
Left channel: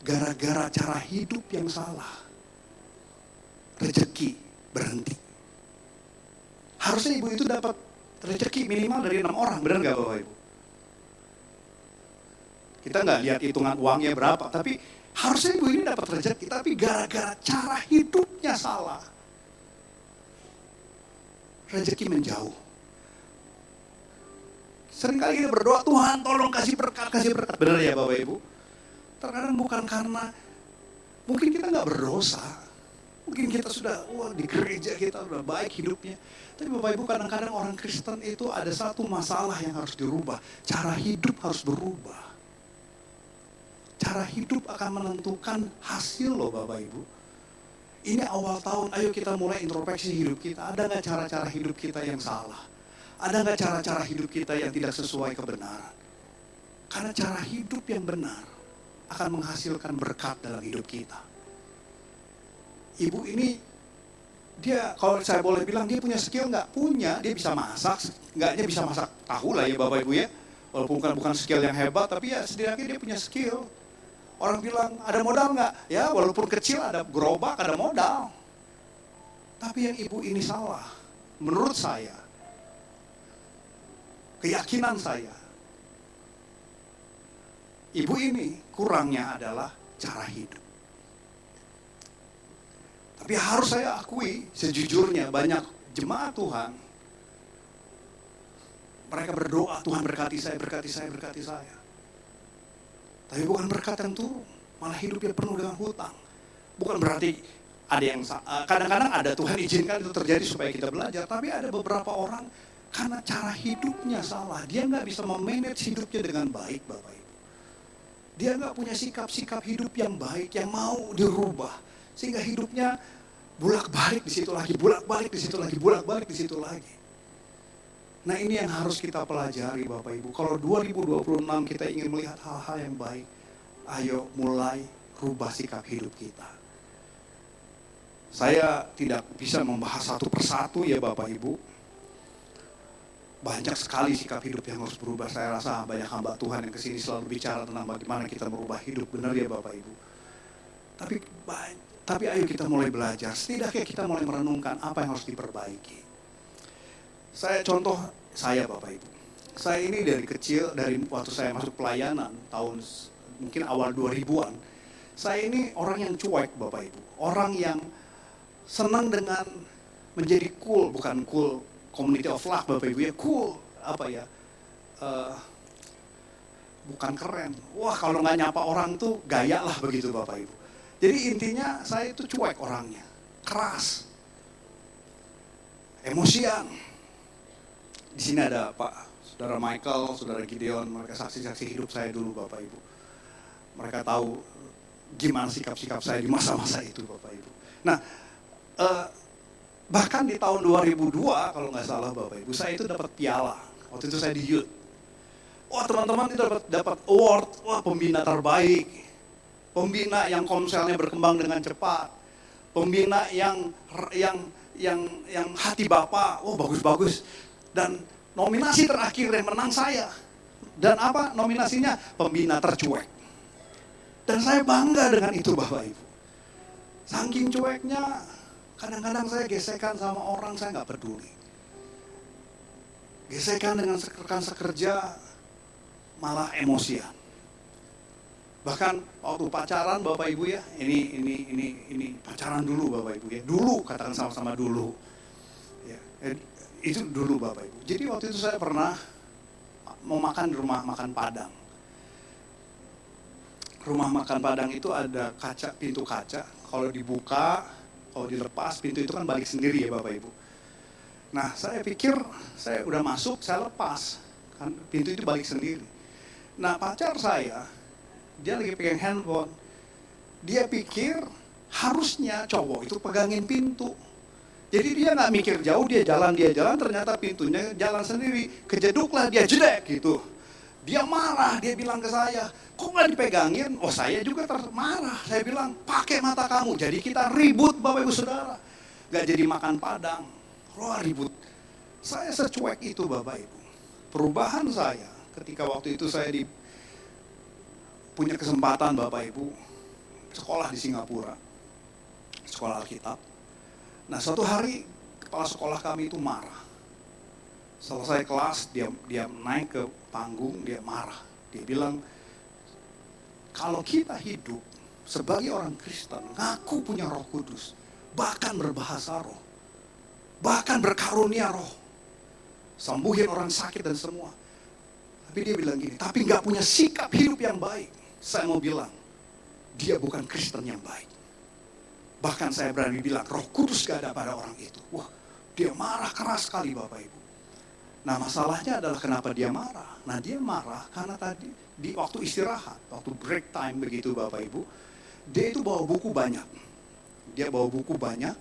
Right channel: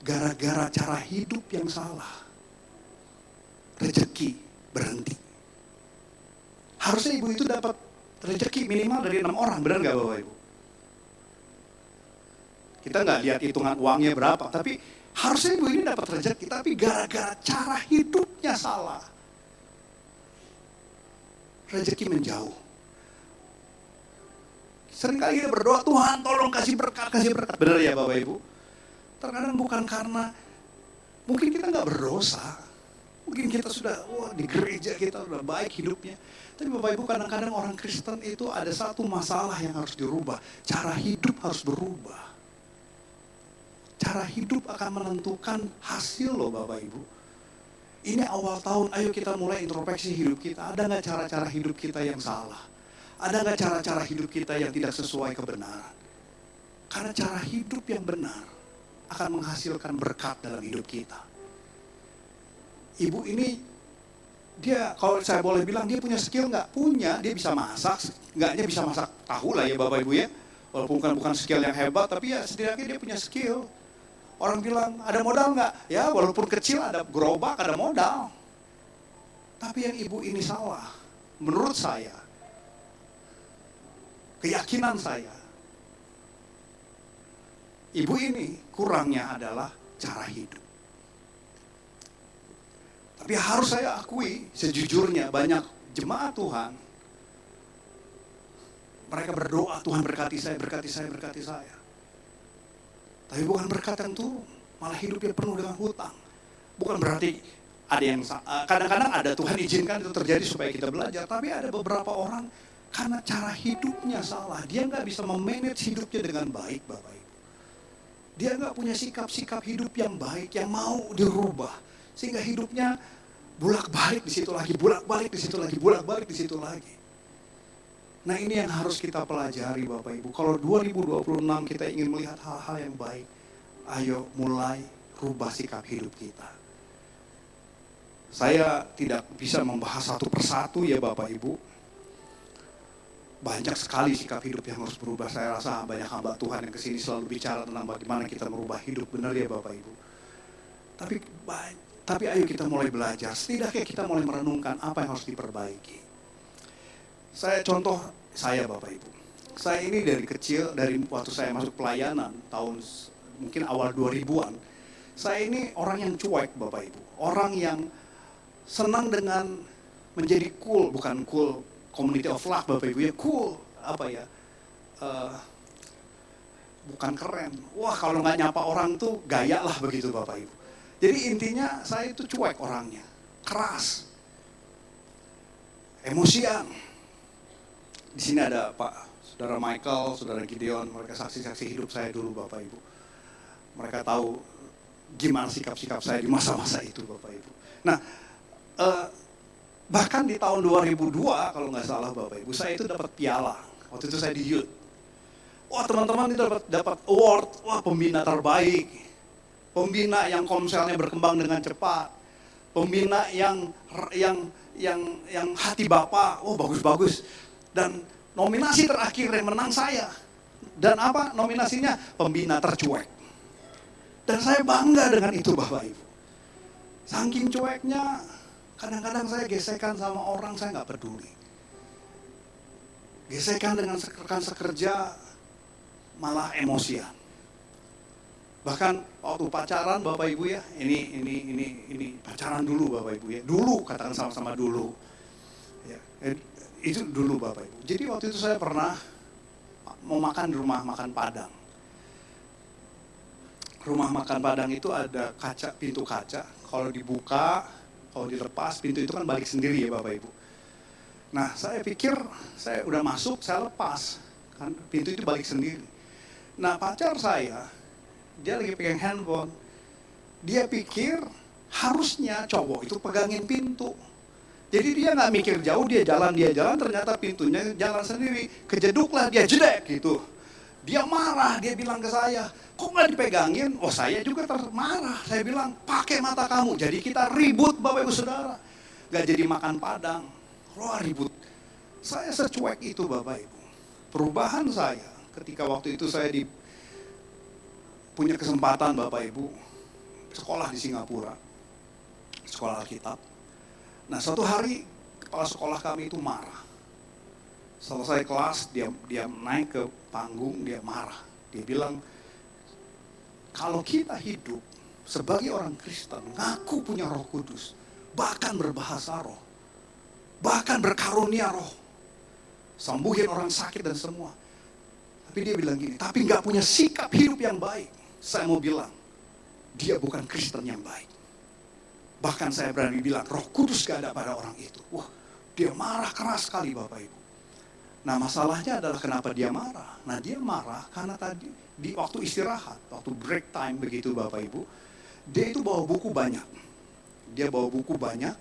Gara-gara cara hidup yang salah. Rezeki berhenti. Harusnya ibu itu dapat Rezeki minimal dari 6 orang, benar nggak Bapak Ibu? Kita nggak lihat hitungan uangnya berapa, tapi harusnya ibu ini dapat rezeki, tapi gara-gara cara hidupnya salah, rezeki menjauh. Seringkali kita berdoa, Tuhan tolong kasih berkat, benar ya Bapak Ibu? Terkadang bukan karena, mungkin kita nggak berdosa, mungkin kita sudah, di gereja kita sudah baik hidupnya. Tapi Bapak Ibu, kadang-kadang orang Kristen itu ada satu masalah yang harus dirubah, cara hidup harus berubah. Cara hidup akan menentukan hasil loh Bapak Ibu. Ini awal tahun, ayo kita mulai introspeksi hidup kita. Ada nggak cara-cara hidup kita yang salah? Ada nggak cara-cara hidup kita yang tidak sesuai kebenaran? Karena cara hidup yang benar akan menghasilkan berkat dalam hidup kita. Ibu ini, dia kalau saya boleh bilang, dia punya skill nggak? Punya, dia bisa masak. Nggaknya bisa masak tahu lah ya Bapak Ibu ya. Walaupun bukan skill yang hebat, tapi ya setidaknya dia punya skill. Orang bilang, ada modal nggak? Ya walaupun kecil ada gerobak, ada modal. Tapi yang ibu ini salah. Menurut saya, keyakinan saya, ibu ini kurangnya adalah cara hidup. Tapi harus saya akui, sejujurnya banyak jemaat Tuhan, mereka berdoa, Tuhan berkati saya, berkati saya, berkati saya. Tapi bukan berkat yang turun, malah hidupnya penuh dengan hutang. Bukan berarti ada yang, kadang-kadang ada Tuhan izinkan itu terjadi supaya kita belajar. Tapi ada beberapa orang, karena cara hidupnya salah, dia nggak bisa memanage hidupnya dengan baik Bapak Ibu. Dia nggak punya sikap-sikap hidup yang baik, yang mau dirubah. Sehingga hidupnya bolak-balik di situ lagi, bolak-balik di situ lagi, bolak-balik di situ lagi. Nah ini yang harus kita pelajari Bapak Ibu. Kalau 2026 kita ingin melihat hal-hal yang baik, ayo mulai rubah sikap hidup kita. Saya tidak bisa membahas satu persatu ya Bapak Ibu. Banyak sekali sikap hidup yang harus berubah. Saya rasa banyak hamba Tuhan yang kesini selalu bicara tentang bagaimana kita merubah hidup. Benar ya Bapak Ibu. Tapi ayo kita mulai belajar. Setidaknya kita mulai merenungkan apa yang harus diperbaiki. Contoh saya Bapak Ibu. Saya ini dari kecil, dari waktu saya masuk pelayanan tahun mungkin awal 2000-an. Saya ini orang yang cuek Bapak Ibu. Orang yang senang dengan menjadi cool, bukan cool community of love Bapak Ibu ya, cool apa ya? Bukan keren. Wah kalau nggak nyapa orang tuh gaya lah begitu Bapak Ibu. Jadi intinya saya itu cuek orangnya, keras, emosian. Di sini ada Pak, Saudara Michael, Saudara Gideon, mereka saksi-saksi hidup saya dulu Bapak Ibu. Mereka tahu gimana sikap-sikap saya di masa-masa itu Bapak Ibu. Nah, bahkan di tahun 2002 kalau nggak salah Bapak Ibu, saya itu dapat piala. Waktu itu saya di youth. Wah teman-teman itu dapat award, wah pembina terbaik. Pembina yang komselnya berkembang dengan cepat. Pembina yang hati Bapak, wah bagus-bagus. Dan nominasi terakhir yang menang saya. Dan apa nominasinya? Pembina tercuek. Dan saya bangga dengan itu Bapak Ibu. Saking cueknya, kadang-kadang saya gesekan sama orang, saya nggak peduli. Gesekan dengan rekan sekerja, malah emosian. Bahkan waktu pacaran Bapak Ibu ya, ini pacaran dulu Bapak Ibu ya. Dulu, katakan sama-sama dulu. Ya, itu dulu Bapak Ibu. Jadi waktu itu saya pernah mau makan di rumah makan Padang. Rumah makan Padang itu ada kaca, pintu kaca. Kalau dibuka, kalau dilepas, pintu itu kan balik sendiri ya Bapak Ibu. Nah saya pikir saya udah masuk, saya lepas. Kan pintu itu balik sendiri. Nah pacar saya, dia lagi pegang handphone. Dia pikir harusnya cowok itu pegangin pintu. Jadi dia nggak mikir jauh, dia jalan, ternyata pintunya jalan sendiri. Kejeduklah dia, jedek gitu. Dia marah, dia bilang ke saya, kok nggak dipegangin? Oh saya juga marah, saya bilang pakai mata kamu. Jadi kita ribut Bapak Ibu Saudara. Nggak jadi makan Padang, wah ribut. Saya secuek itu Bapak Ibu. Perubahan saya ketika waktu itu saya punya kesempatan Bapak Ibu, sekolah di Singapura, sekolah Alkitab. Nah suatu hari kepala sekolah kami itu marah. Selesai kelas, dia naik ke panggung, dia marah. Dia bilang, kalau kita hidup sebagai orang Kristen, ngaku punya Roh Kudus, bahkan berbahasa roh, bahkan berkarunia roh, sembuhin orang sakit dan semua. Tapi dia bilang gini, tapi nggak punya sikap hidup yang baik. Saya mau bilang, dia bukan Kristen yang baik. Bahkan saya berani bilang, Roh Kudus gak ada pada orang itu. Wah, dia marah keras sekali Bapak Ibu. Nah masalahnya adalah kenapa dia marah. Nah dia marah karena tadi di waktu istirahat, waktu break time begitu Bapak Ibu. Dia itu bawa buku banyak. Dia bawa buku banyak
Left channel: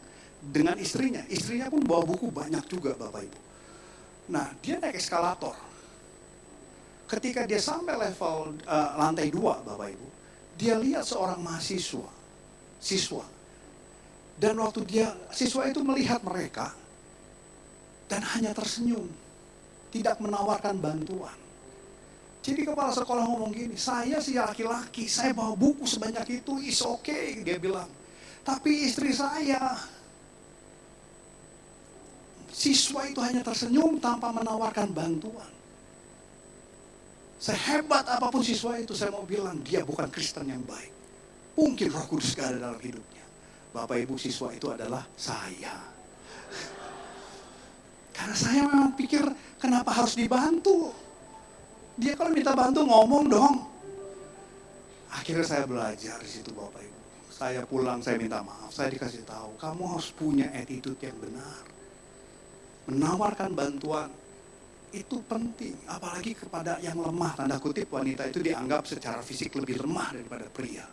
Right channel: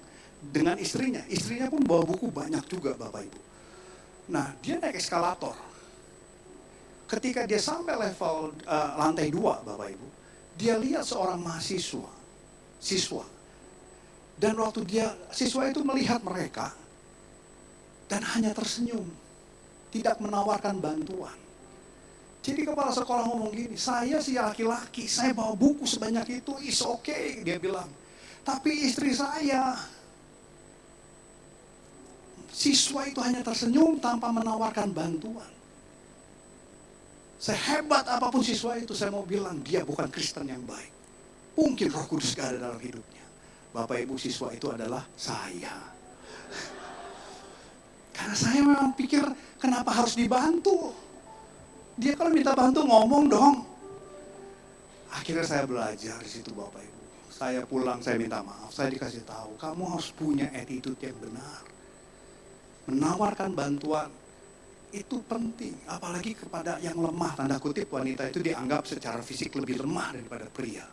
dengan istrinya. Istrinya pun bawa buku banyak juga Bapak Ibu. Nah dia naik eskalator. Ketika dia sampai level lantai 2 Bapak Ibu. Dia lihat seorang siswa. Dan waktu siswa itu melihat mereka, dan hanya tersenyum, tidak menawarkan bantuan. Jadi kepala sekolah ngomong gini, saya sih laki-laki, saya bawa buku sebanyak itu, it's okay, dia bilang. Tapi istri saya, siswa itu hanya tersenyum tanpa menawarkan bantuan. Sehebat apapun siswa itu, saya mau bilang, dia bukan Kristen yang baik. Mungkin Roh Kudus gak ada dalam hidupnya. Bapak Ibu, siswa itu adalah saya. Karena saya memang pikir kenapa harus dibantu. Dia kalau minta bantu ngomong dong. Akhirnya saya belajar di situ Bapak Ibu. Saya pulang, saya minta maaf. Saya dikasih tahu, kamu harus punya attitude yang benar. Menawarkan bantuan itu penting. Apalagi kepada yang lemah, tanda kutip wanita itu dianggap secara fisik lebih lemah daripada pria.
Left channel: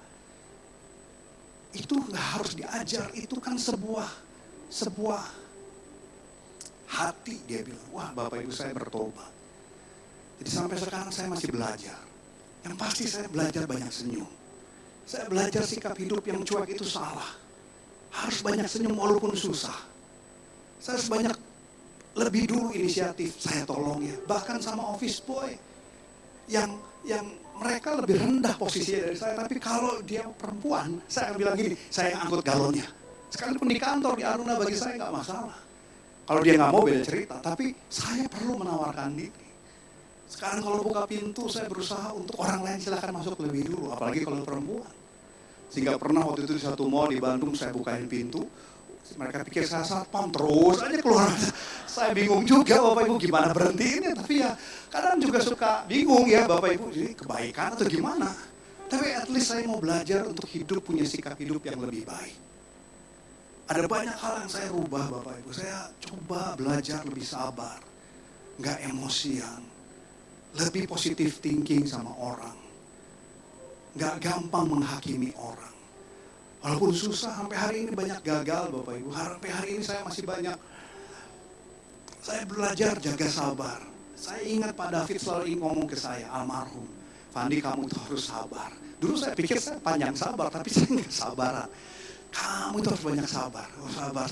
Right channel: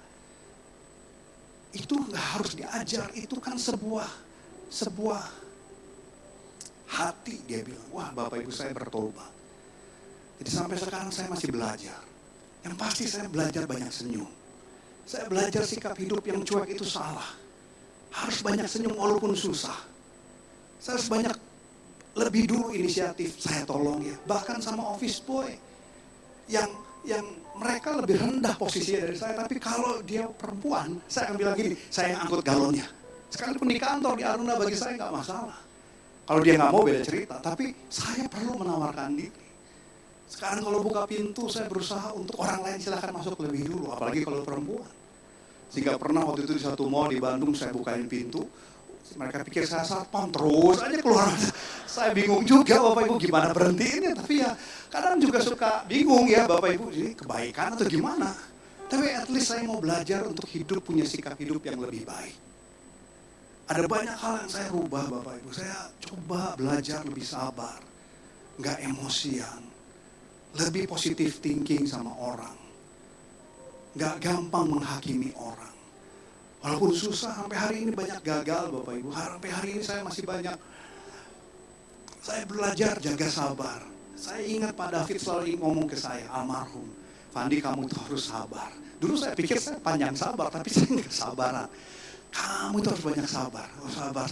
Itu nggak harus diajar, itu kan sebuah hati, dia bilang. Wah Bapak Ibu, saya bertobat. Jadi sampai sekarang saya masih belajar. Yang pasti saya belajar banyak senyum. Saya belajar sikap hidup yang cuek itu salah. Harus banyak senyum walaupun susah. Saya harus banyak, lebih dulu inisiatif, saya tolong ya. Bahkan sama office boy yang mereka lebih rendah posisinya dari saya, tapi kalau dia perempuan, saya akan bilang gini, saya yang angkut galonnya. Sekalipun di kantor, di Aruna, bagi saya nggak masalah. Kalau dia nggak mau beda cerita, tapi saya perlu menawarkan diri. Sekarang kalau buka pintu, saya berusaha untuk orang lain silakan masuk lebih dulu, apalagi kalau perempuan. Sehingga pernah waktu itu di satu mall di Bandung, saya bukain pintu, mereka pikir saya satpam, terus aja keluar. Saya bingung juga Bapak Ibu gimana berhentiinnya. Tapi ya kadang juga suka bingung ya Bapak Ibu, ini kebaikan atau gimana. Tapi at least saya mau belajar untuk hidup, punya sikap hidup yang lebih baik. Ada banyak hal yang saya rubah Bapak Ibu. Saya coba belajar lebih sabar, gak emosian, lebih positive thinking sama orang, gak gampang menghakimi orang. Walaupun susah, sampai hari ini banyak gagal Bapak Ibu. Sampai hari ini saya masih banyak. Saya belajar jaga sabar. Saya ingat Pak David selalu ngomong ke saya, almarhum. Pandi, kamu itu harus sabar. Dulu saya pikir saya panjang sabar, tapi saya nggak sabaran. Kamu itu harus banyak sabar. Oh, sabar.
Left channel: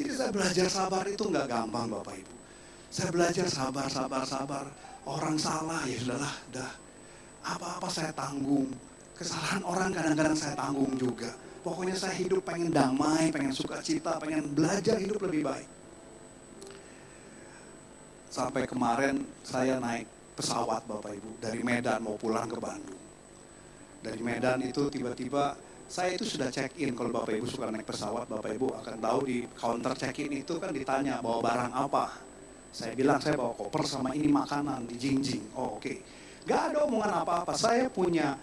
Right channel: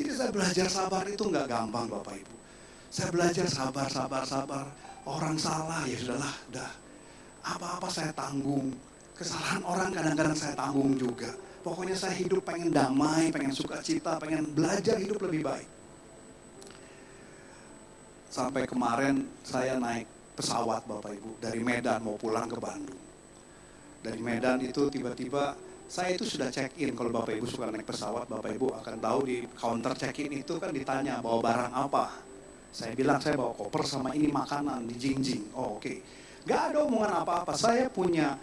Jadi saya belajar sabar itu nggak gampang Bapak Ibu. Saya belajar sabar. Orang salah, ya sudahlah, dah. Apa-apa saya tanggung. Kesalahan orang kadang-kadang saya tanggung juga. Pokoknya saya hidup pengen damai, pengen sukacita, pengen belajar hidup lebih baik. Sampai kemarin saya naik pesawat Bapak Ibu, dari Medan mau pulang ke Bandung. Dari Medan itu tiba-tiba, saya itu sudah check-in. Kalau Bapak Ibu suka naik pesawat, Bapak Ibu akan tahu di counter check-in itu kan ditanya bawa barang apa. Saya bilang saya bawa koper sama ini makanan di jingjing. Oh oke. Gak ada omongan apa-apa. Saya punya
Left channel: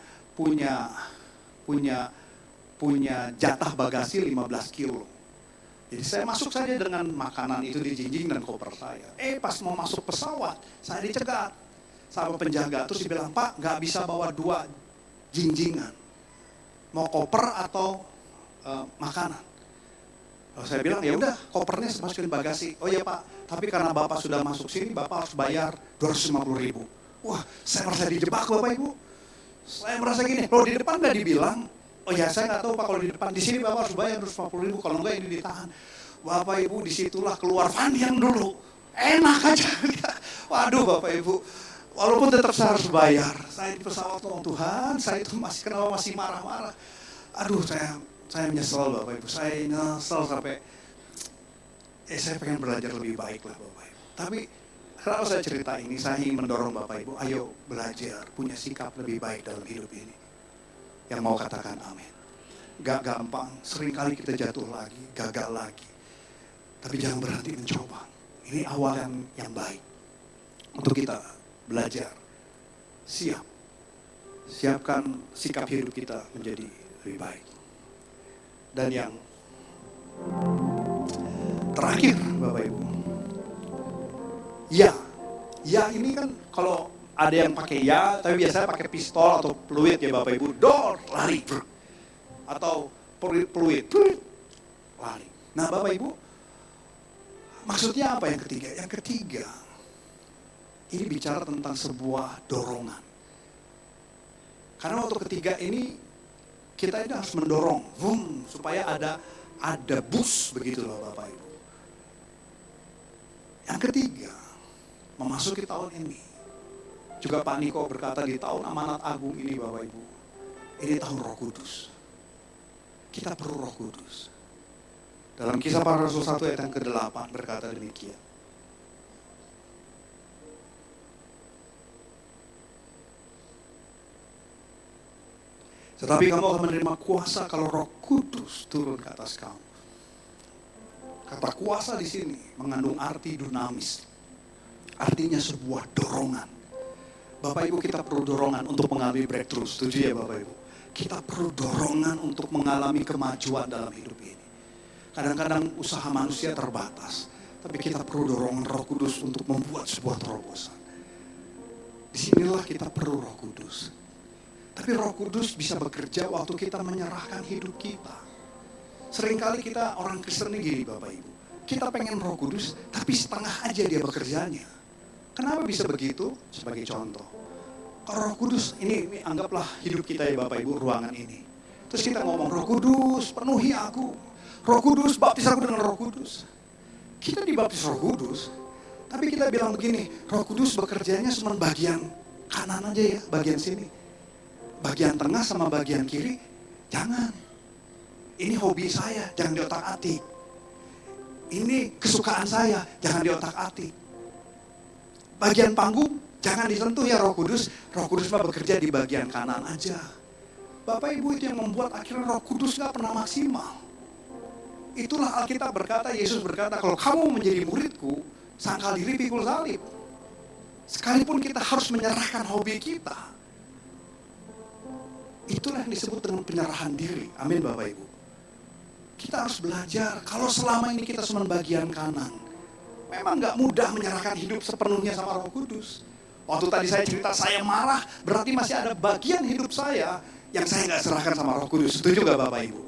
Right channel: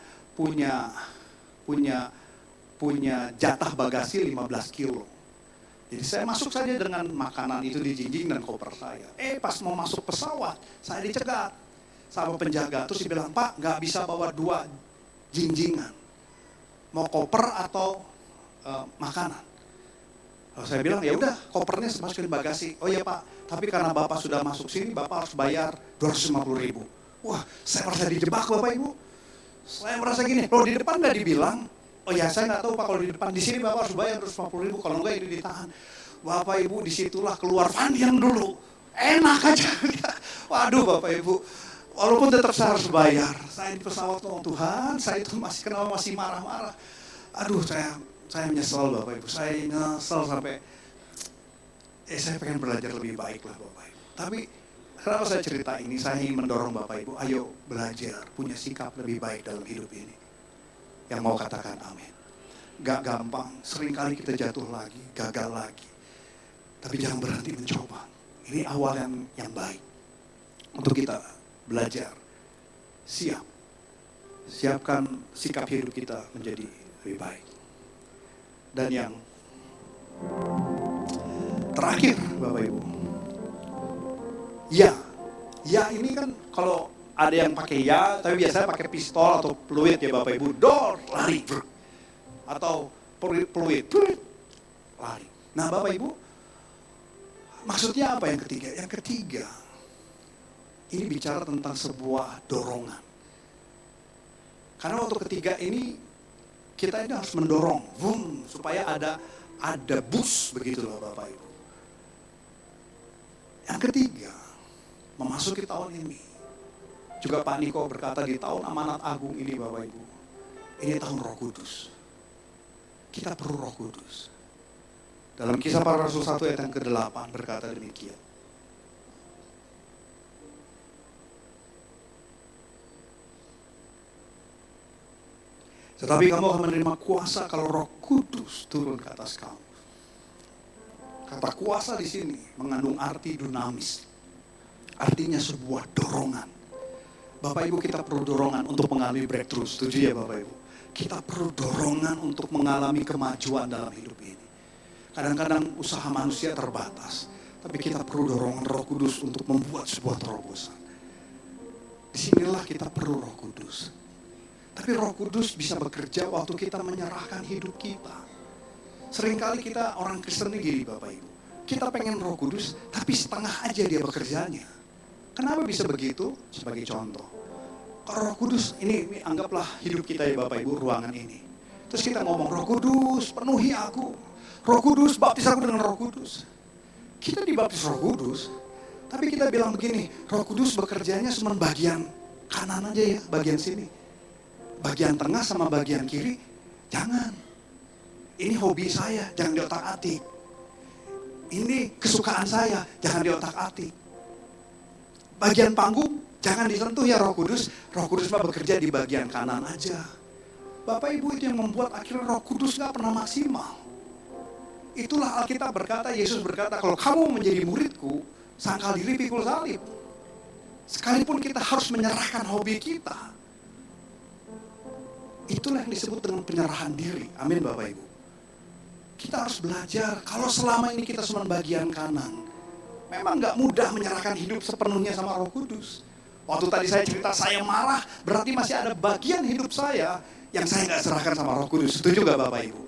jatah bagasi 15 kilo. Jadi saya masuk saja dengan makanan itu di jingjing dan koper saya. Pas mau masuk pesawat, saya dicegat sama penjaga. Terus dia bilang, Pak gak bisa bawa 2 jingjingan. Mau koper atau makanan. Lalu saya bilang, ya udah kopernya saya masukin bagasi. Oh ya Pak, tapi karena Bapak sudah masuk sini, Bapak harus bayar 250.000. Wah, saya merasa dijebak Bapak Ibu. Saya merasa gini, kalau di depan nggak dibilang, oh ya saya nggak tahu Pak kalau di depan, di sini Bapak harus bayar 250.000, kalau enggak ini ditahan. Bapak Ibu disitulah keluar Fandi yang dulu, enak aja. Waduh Bapak Ibu, walaupun tetap saya harus bayar. Saya di pesawat ngomong, Tuhan saya itu kenapa masih marah-marah. Aduh saya menyesal Bapak Ibu, saya nyesel sampai, saya pengen belajar lebih baik lah Bapak Ibu. Tapi Kenapa saya cerita ini? Saya ingin mendorong Bapak Ibu, ayo belajar punya sikap lebih baik dalam hidup ini. Yang mau katakan amin. Gak gampang, seringkali kita jatuh lagi, gagal lagi. Tapi jangan berhenti mencoba. Ini awal yang baik. Untuk kita belajar, siap. Siapkan sikap hidup kita menjadi lebih baik. Dan yang terakhir Bapak Ibu. Ya ini kan kalau ada yang pakai ya, tapi biasanya pakai pistol atau peluit ya Bapak Ibu. Dor, lari. Atau peluit, lari. Nah Bapak Ibu, maksudnya apa yang ketiga? Yang ketiga, ini bicara tentang sebuah dorongan. Karena waktu ketiga ini, kita ini harus mendorong, supaya ada boost begitulah Bapak Ibu. Yang ketiga, memasuki tahun ini. Juga Pak Niko berkata di tahun amanat agung ini Bapak Ibu. Ini tahun Roh Kudus. Kita perlu Roh Kudus. Dalam Kisah Para Rasul 1 ayat yang ke-8 berkata demikian. Tetapi kamu akan menerima kuasa kalau Roh Kudus turun ke atas kamu. Kata kuasa di sini mengandung arti dinamis. Artinya sebuah dorongan. Bapak Ibu, kita perlu dorongan untuk mengalami breakthrough. Setuju ya Bapak Ibu? Kita perlu dorongan untuk mengalami kemajuan dalam hidup ini. Kadang-kadang usaha manusia terbatas. Tapi kita perlu dorongan Roh Kudus untuk membuat sebuah terobosan. Disinilah kita perlu Roh Kudus. Tapi Roh Kudus bisa bekerja waktu kita menyerahkan hidup kita. Seringkali kita orang Kristen ini gini Bapak Ibu. Kita pengen Roh Kudus, tapi setengah aja dia bekerjanya. Kenapa bisa begitu? Sebagai contoh. Kalau Roh Kudus, ini anggaplah hidup kita ya Bapak Ibu, ruangan ini. Terus kita ngomong, Roh Kudus penuhi aku. Roh Kudus baptis aku dengan Roh Kudus. Kita dibaptis Roh Kudus, tapi kita bilang begini, Roh Kudus bekerjanya cuma bagian kanan aja ya, bagian sini. Bagian tengah sama bagian kiri, jangan. Ini hobi saya, jangan diotak-atik. Ini kesukaan saya, jangan diotak-atik. Bagian panggung, jangan disentuh ya Roh Kudus. Roh Kudus mah bekerja di bagian kanan aja. Bapak Ibu, itu yang membuat akhirnya Roh Kudus gak pernah maksimal. Itulah Alkitab berkata, Yesus berkata, kalau kamu menjadi muridku, sangkal diri pikul salib. Sekalipun kita harus menyerahkan hobi kita. Itulah yang disebut dengan penyerahan diri. Amin Bapak Ibu. Kita harus belajar, kalau selama ini kita cuma bagian kanan, memang gak mudah menyerahkan hidup sepenuhnya sama Roh Kudus. Waktu tadi saya cerita saya marah, berarti masih ada bagian hidup saya yang saya gak serahkan sama Roh Kudus. Setuju gak Bapak Ibu?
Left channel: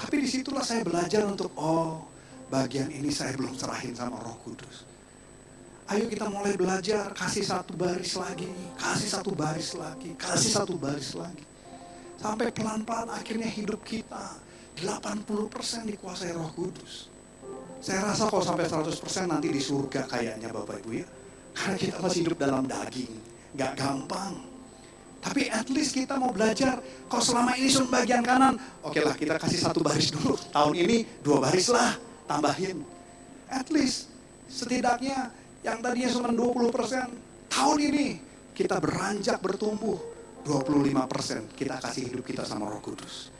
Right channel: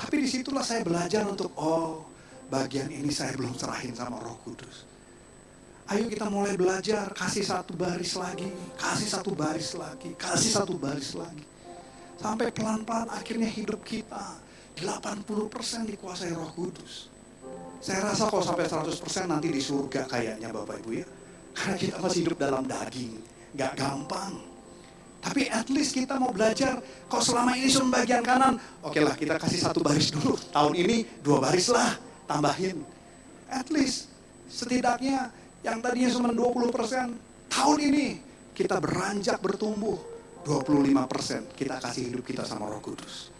Tapi disitulah saya belajar untuk, bagian ini saya belum serahin sama Roh Kudus. Ayo kita mulai belajar, kasih satu baris lagi, kasih satu baris lagi, kasih satu baris lagi. Sampai pelan-pelan akhirnya hidup kita 80% dikuasai Roh Kudus. Saya rasa kalau sampai 100% nanti di surga kayaknya Bapak Ibu ya. Karena kita masih hidup dalam daging. Gak gampang. Tapi at least kita mau belajar. Kalau selama ini cuma bagian kanan. Oke lah kita kasih satu baris dulu. Tahun ini 2 baris lah. Tambahin. At least setidaknya yang tadinya cuma 20%. Tahun ini kita beranjak bertumbuh. 25% kita kasih hidup kita sama Roh Kudus.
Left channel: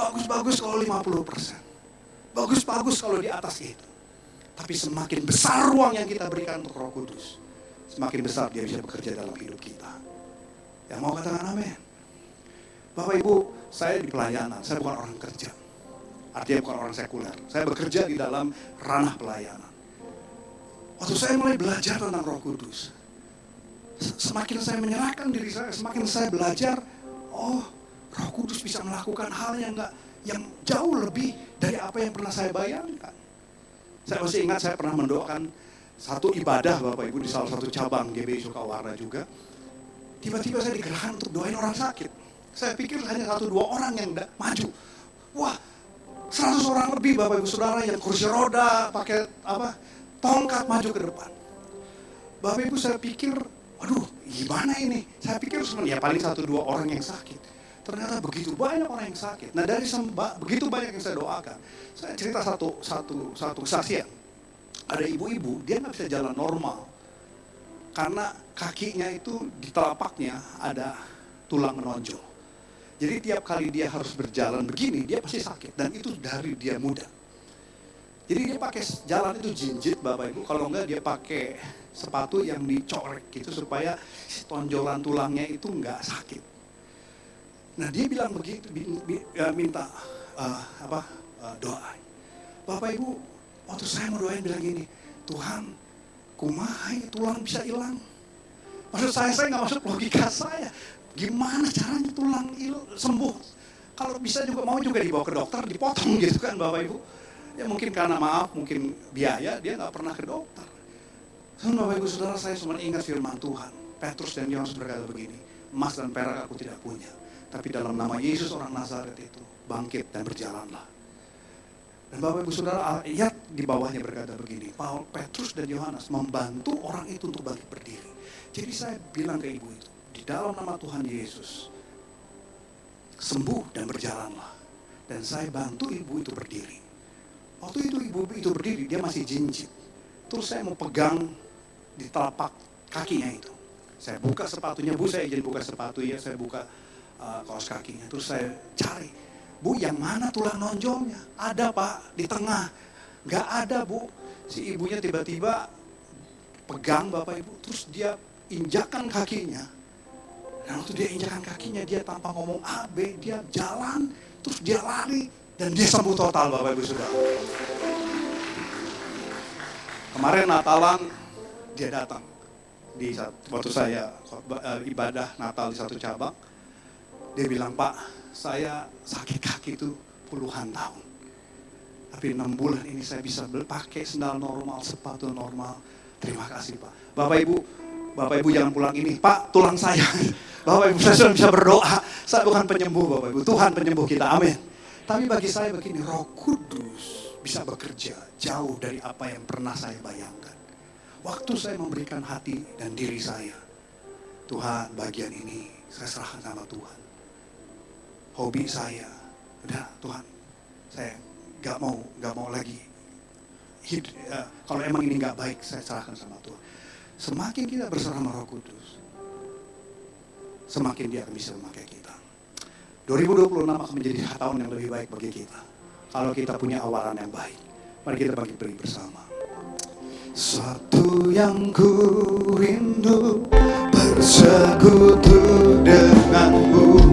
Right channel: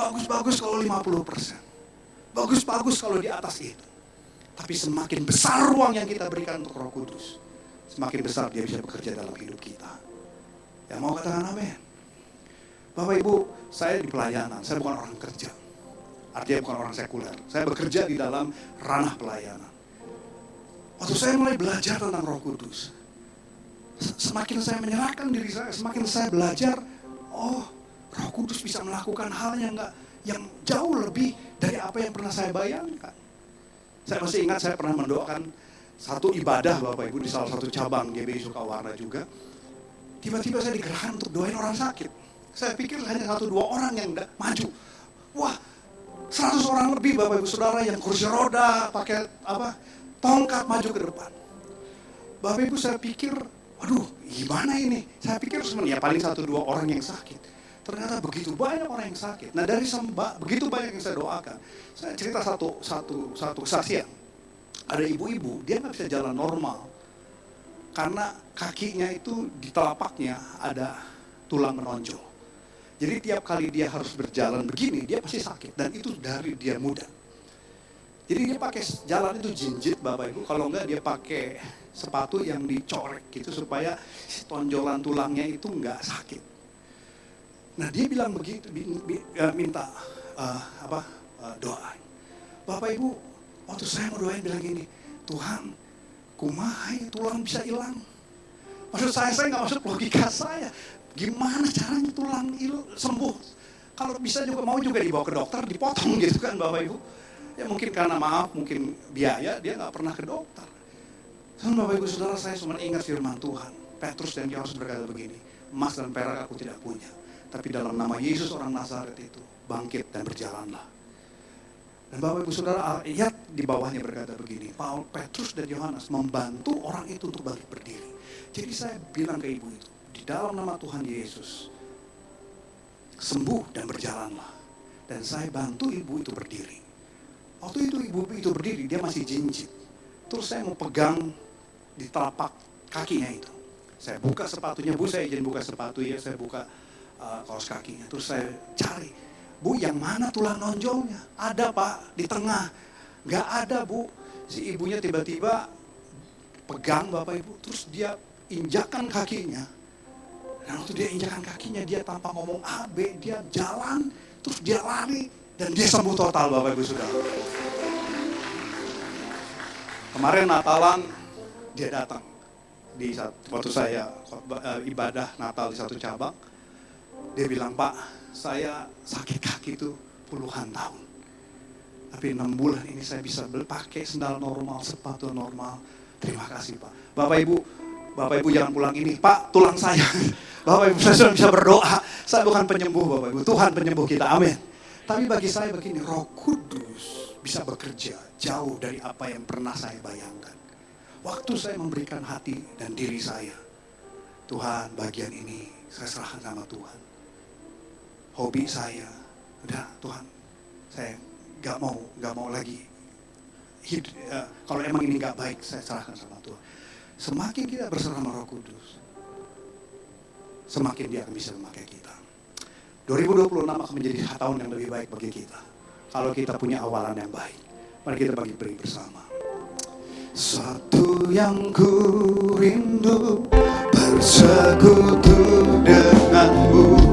Bagus-bagus kalau 50%. Bagus-bagus kalau di atas itu. Tapi semakin besar ruang yang kita berikan untuk Roh Kudus, semakin besar dia bisa bekerja dalam hidup kita. Yang mau katakan amin. Bapak Ibu, saya di pelayanan, saya bukan orang kerja. Artinya bukan orang sekuler. Saya bekerja di dalam ranah pelayanan. Waktu saya mulai belajar tentang Roh Kudus, semakin saya menyerahkan diri saya, semakin saya belajar, Roh Kudus bisa melakukan hal yang jauh lebih dari apa yang pernah saya bayangkan. Saya masih ingat saya pernah mendoakan satu ibadah Bapak Ibu di salah satu cabang GBI Sukawarna juga. Tiba-tiba saya digerakkan untuk doain orang sakit. Saya pikir hanya 1-2 orang yang maju. Wah, 100 orang lebih Bapak Ibu Saudara yang kursi roda, pakai tongkat maju ke depan. Bapak Ibu saya pikir, aduh gimana ini? Saya pikir sebenarnya paling 1-2 orang yang sakit. Ternyata begitu banyak orang yang sakit. Nah dari begitu banyak yang saya doakan, saya cerita satu kesaksian. Ada ibu-ibu, dia nggak bisa jalan normal. Karena kakinya itu di telapaknya ada tulang menonjol. Jadi tiap kali dia harus berjalan begini, dia pasti sakit. Dan itu dari dia muda. Jadi dia pakai jalan itu jinjit Bapak Ibu. Kalau enggak dia pakai sepatu yang dicorek gitu supaya si tonjolan tulangnya itu enggak sakit. Nah dia bilang begitu, minta doa. Bapak Ibu, waktu saya mau doain bilang gini, Tuhan, kumaha tulang bisa hilang? Maksud saya nggak masuk logika saya. Gimana caranya tulang sembuh? Kalau bisa juga mau juga dibawa ke dokter, dipotong gitu kan Bapak Ibu. Ya mungkin karena maaf, mungkin biaya, dia nggak pernah ke dokter. Dan Bapak Ibu Saudara, saya cuma ingat firman Tuhan. Petrus dan Yohanes berkata begini, emas dan perak aku tidak punya, tapi dalam nama Yesus orang Nazaret itu, bangkit dan berjalanlah. Dan Bapak Ibu Saudara, ayat di bawahnya berkata begini, Petrus dan Yohanes membantu orang itu untuk bangkit berdiri. Jadi saya bilang ke ibu itu, di dalam nama Tuhan Yesus, sembuh dan berjalanlah. Dan saya bantu ibu itu berdiri. Waktu itu ibu itu berdiri, dia masih jinjit. Terus saya mau pegang di telapak kakinya itu. Saya buka sepatunya, Bu saya izin buka sepatu ya, saya buka kaos kakinya. Terus saya cari, Bu yang mana tulang nonjolnya? Ada Pak, di tengah. Gak ada Bu. Si ibunya tiba-tiba pegang Bapak Ibu, terus dia injakan kakinya. Dan waktu dia injakan kakinya, dia tanpa ngomong AB, dia jalan, terus dia lari, dan dia sembuh total Bapak Ibu Saudara. Kemarin Natalan, dia datang. Waktu saya ibadah Natal di satu cabang, dia bilang, Pak, saya sakit kaki itu puluhan tahun. Tapi 6 bulan ini saya bisa pakai sendal normal, sepatu normal. Terima kasih Pak. Bapak Ibu jangan pulang ini, Pak tulang saya. Bapak Ibu saya sudah bisa berdoa. Saya bukan penyembuh Bapak Ibu, Tuhan penyembuh kita, amin. Tapi bagi saya begini, Roh Kudus bisa bekerja jauh dari apa yang pernah saya bayangkan. Waktu saya memberikan hati dan diri saya, Tuhan bagian ini saya serahkan sama Tuhan. Hobi saya, udah Tuhan, saya gak mau lagi. Kalau emang ini gak baik, saya serahkan sama Tuhan. Semakin kita berserah sama Roh Kudus, semakin dia akan bisa memakai kita. 2026 akan menjadi tahun yang lebih baik bagi kita. Kalau kita punya awalan yang baik, mari kita bangkit berdiri bersama. Satu yang ku rindu, bersekutu denganmu,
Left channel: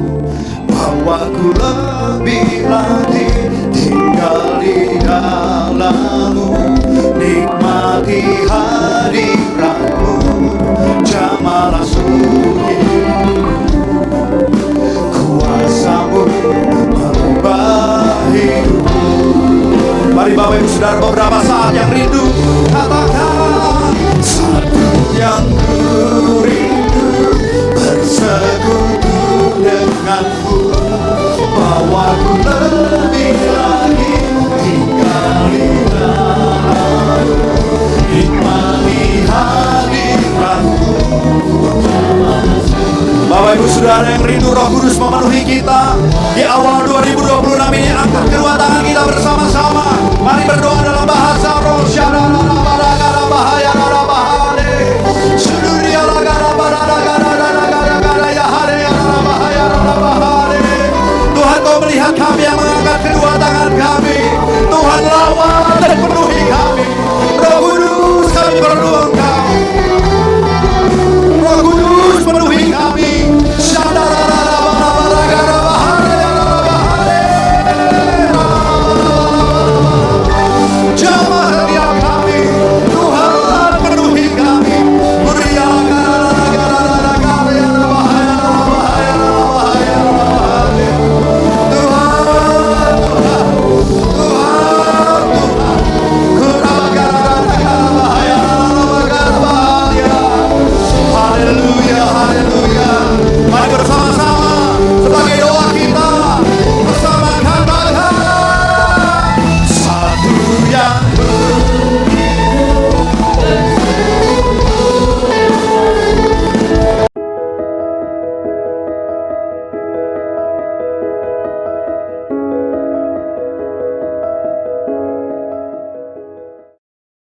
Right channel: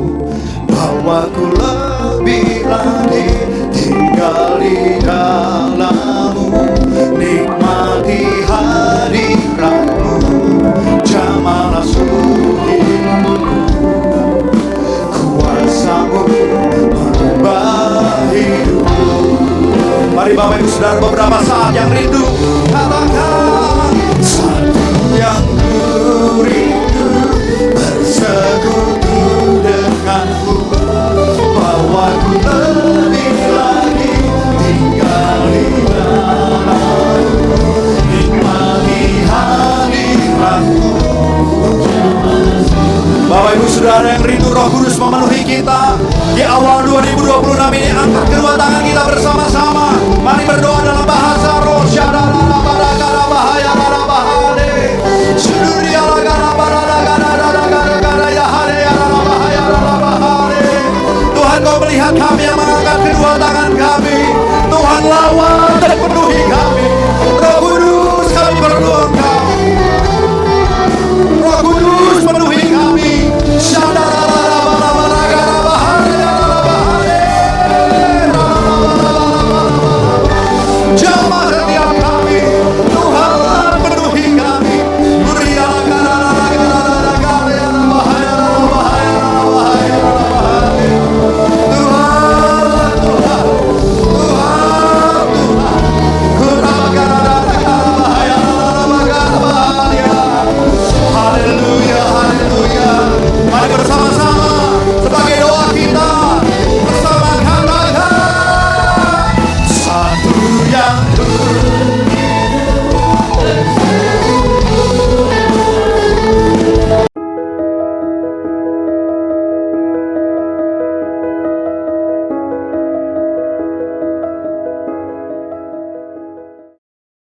bahwa ku lebih lagi tinggal di dalammu, nikmati hadiratmu, jamalah suci, kuasamu merubah hidupku. Mari Bapak Ibu Saudara, beberapa saat yang rindu, katakan satu yang ku rindu, bersekutu denganmu, bahwa ku lebih lagi tinggal di dalammu, nikmati hadiratmu. Bapak Ibu Saudara yang rindu Roh Kudus memenuhi kita di awal 2026 ini, angkat kedua tangan kita bersama-sama. Mari berdoa dalam bahasa roh. Tuhan, Kau melihat kami yang mengangkat kedua tangan kami. Tuhan, lawat dan penuhi kami. Roh Kudus, kami perlu Engkau. Roh Kudus penuhi kami. Jamah setiap kami. Tuhan penuhi kami. Haleluya, haleluya. Mari bersama-sama sebagai doa kita.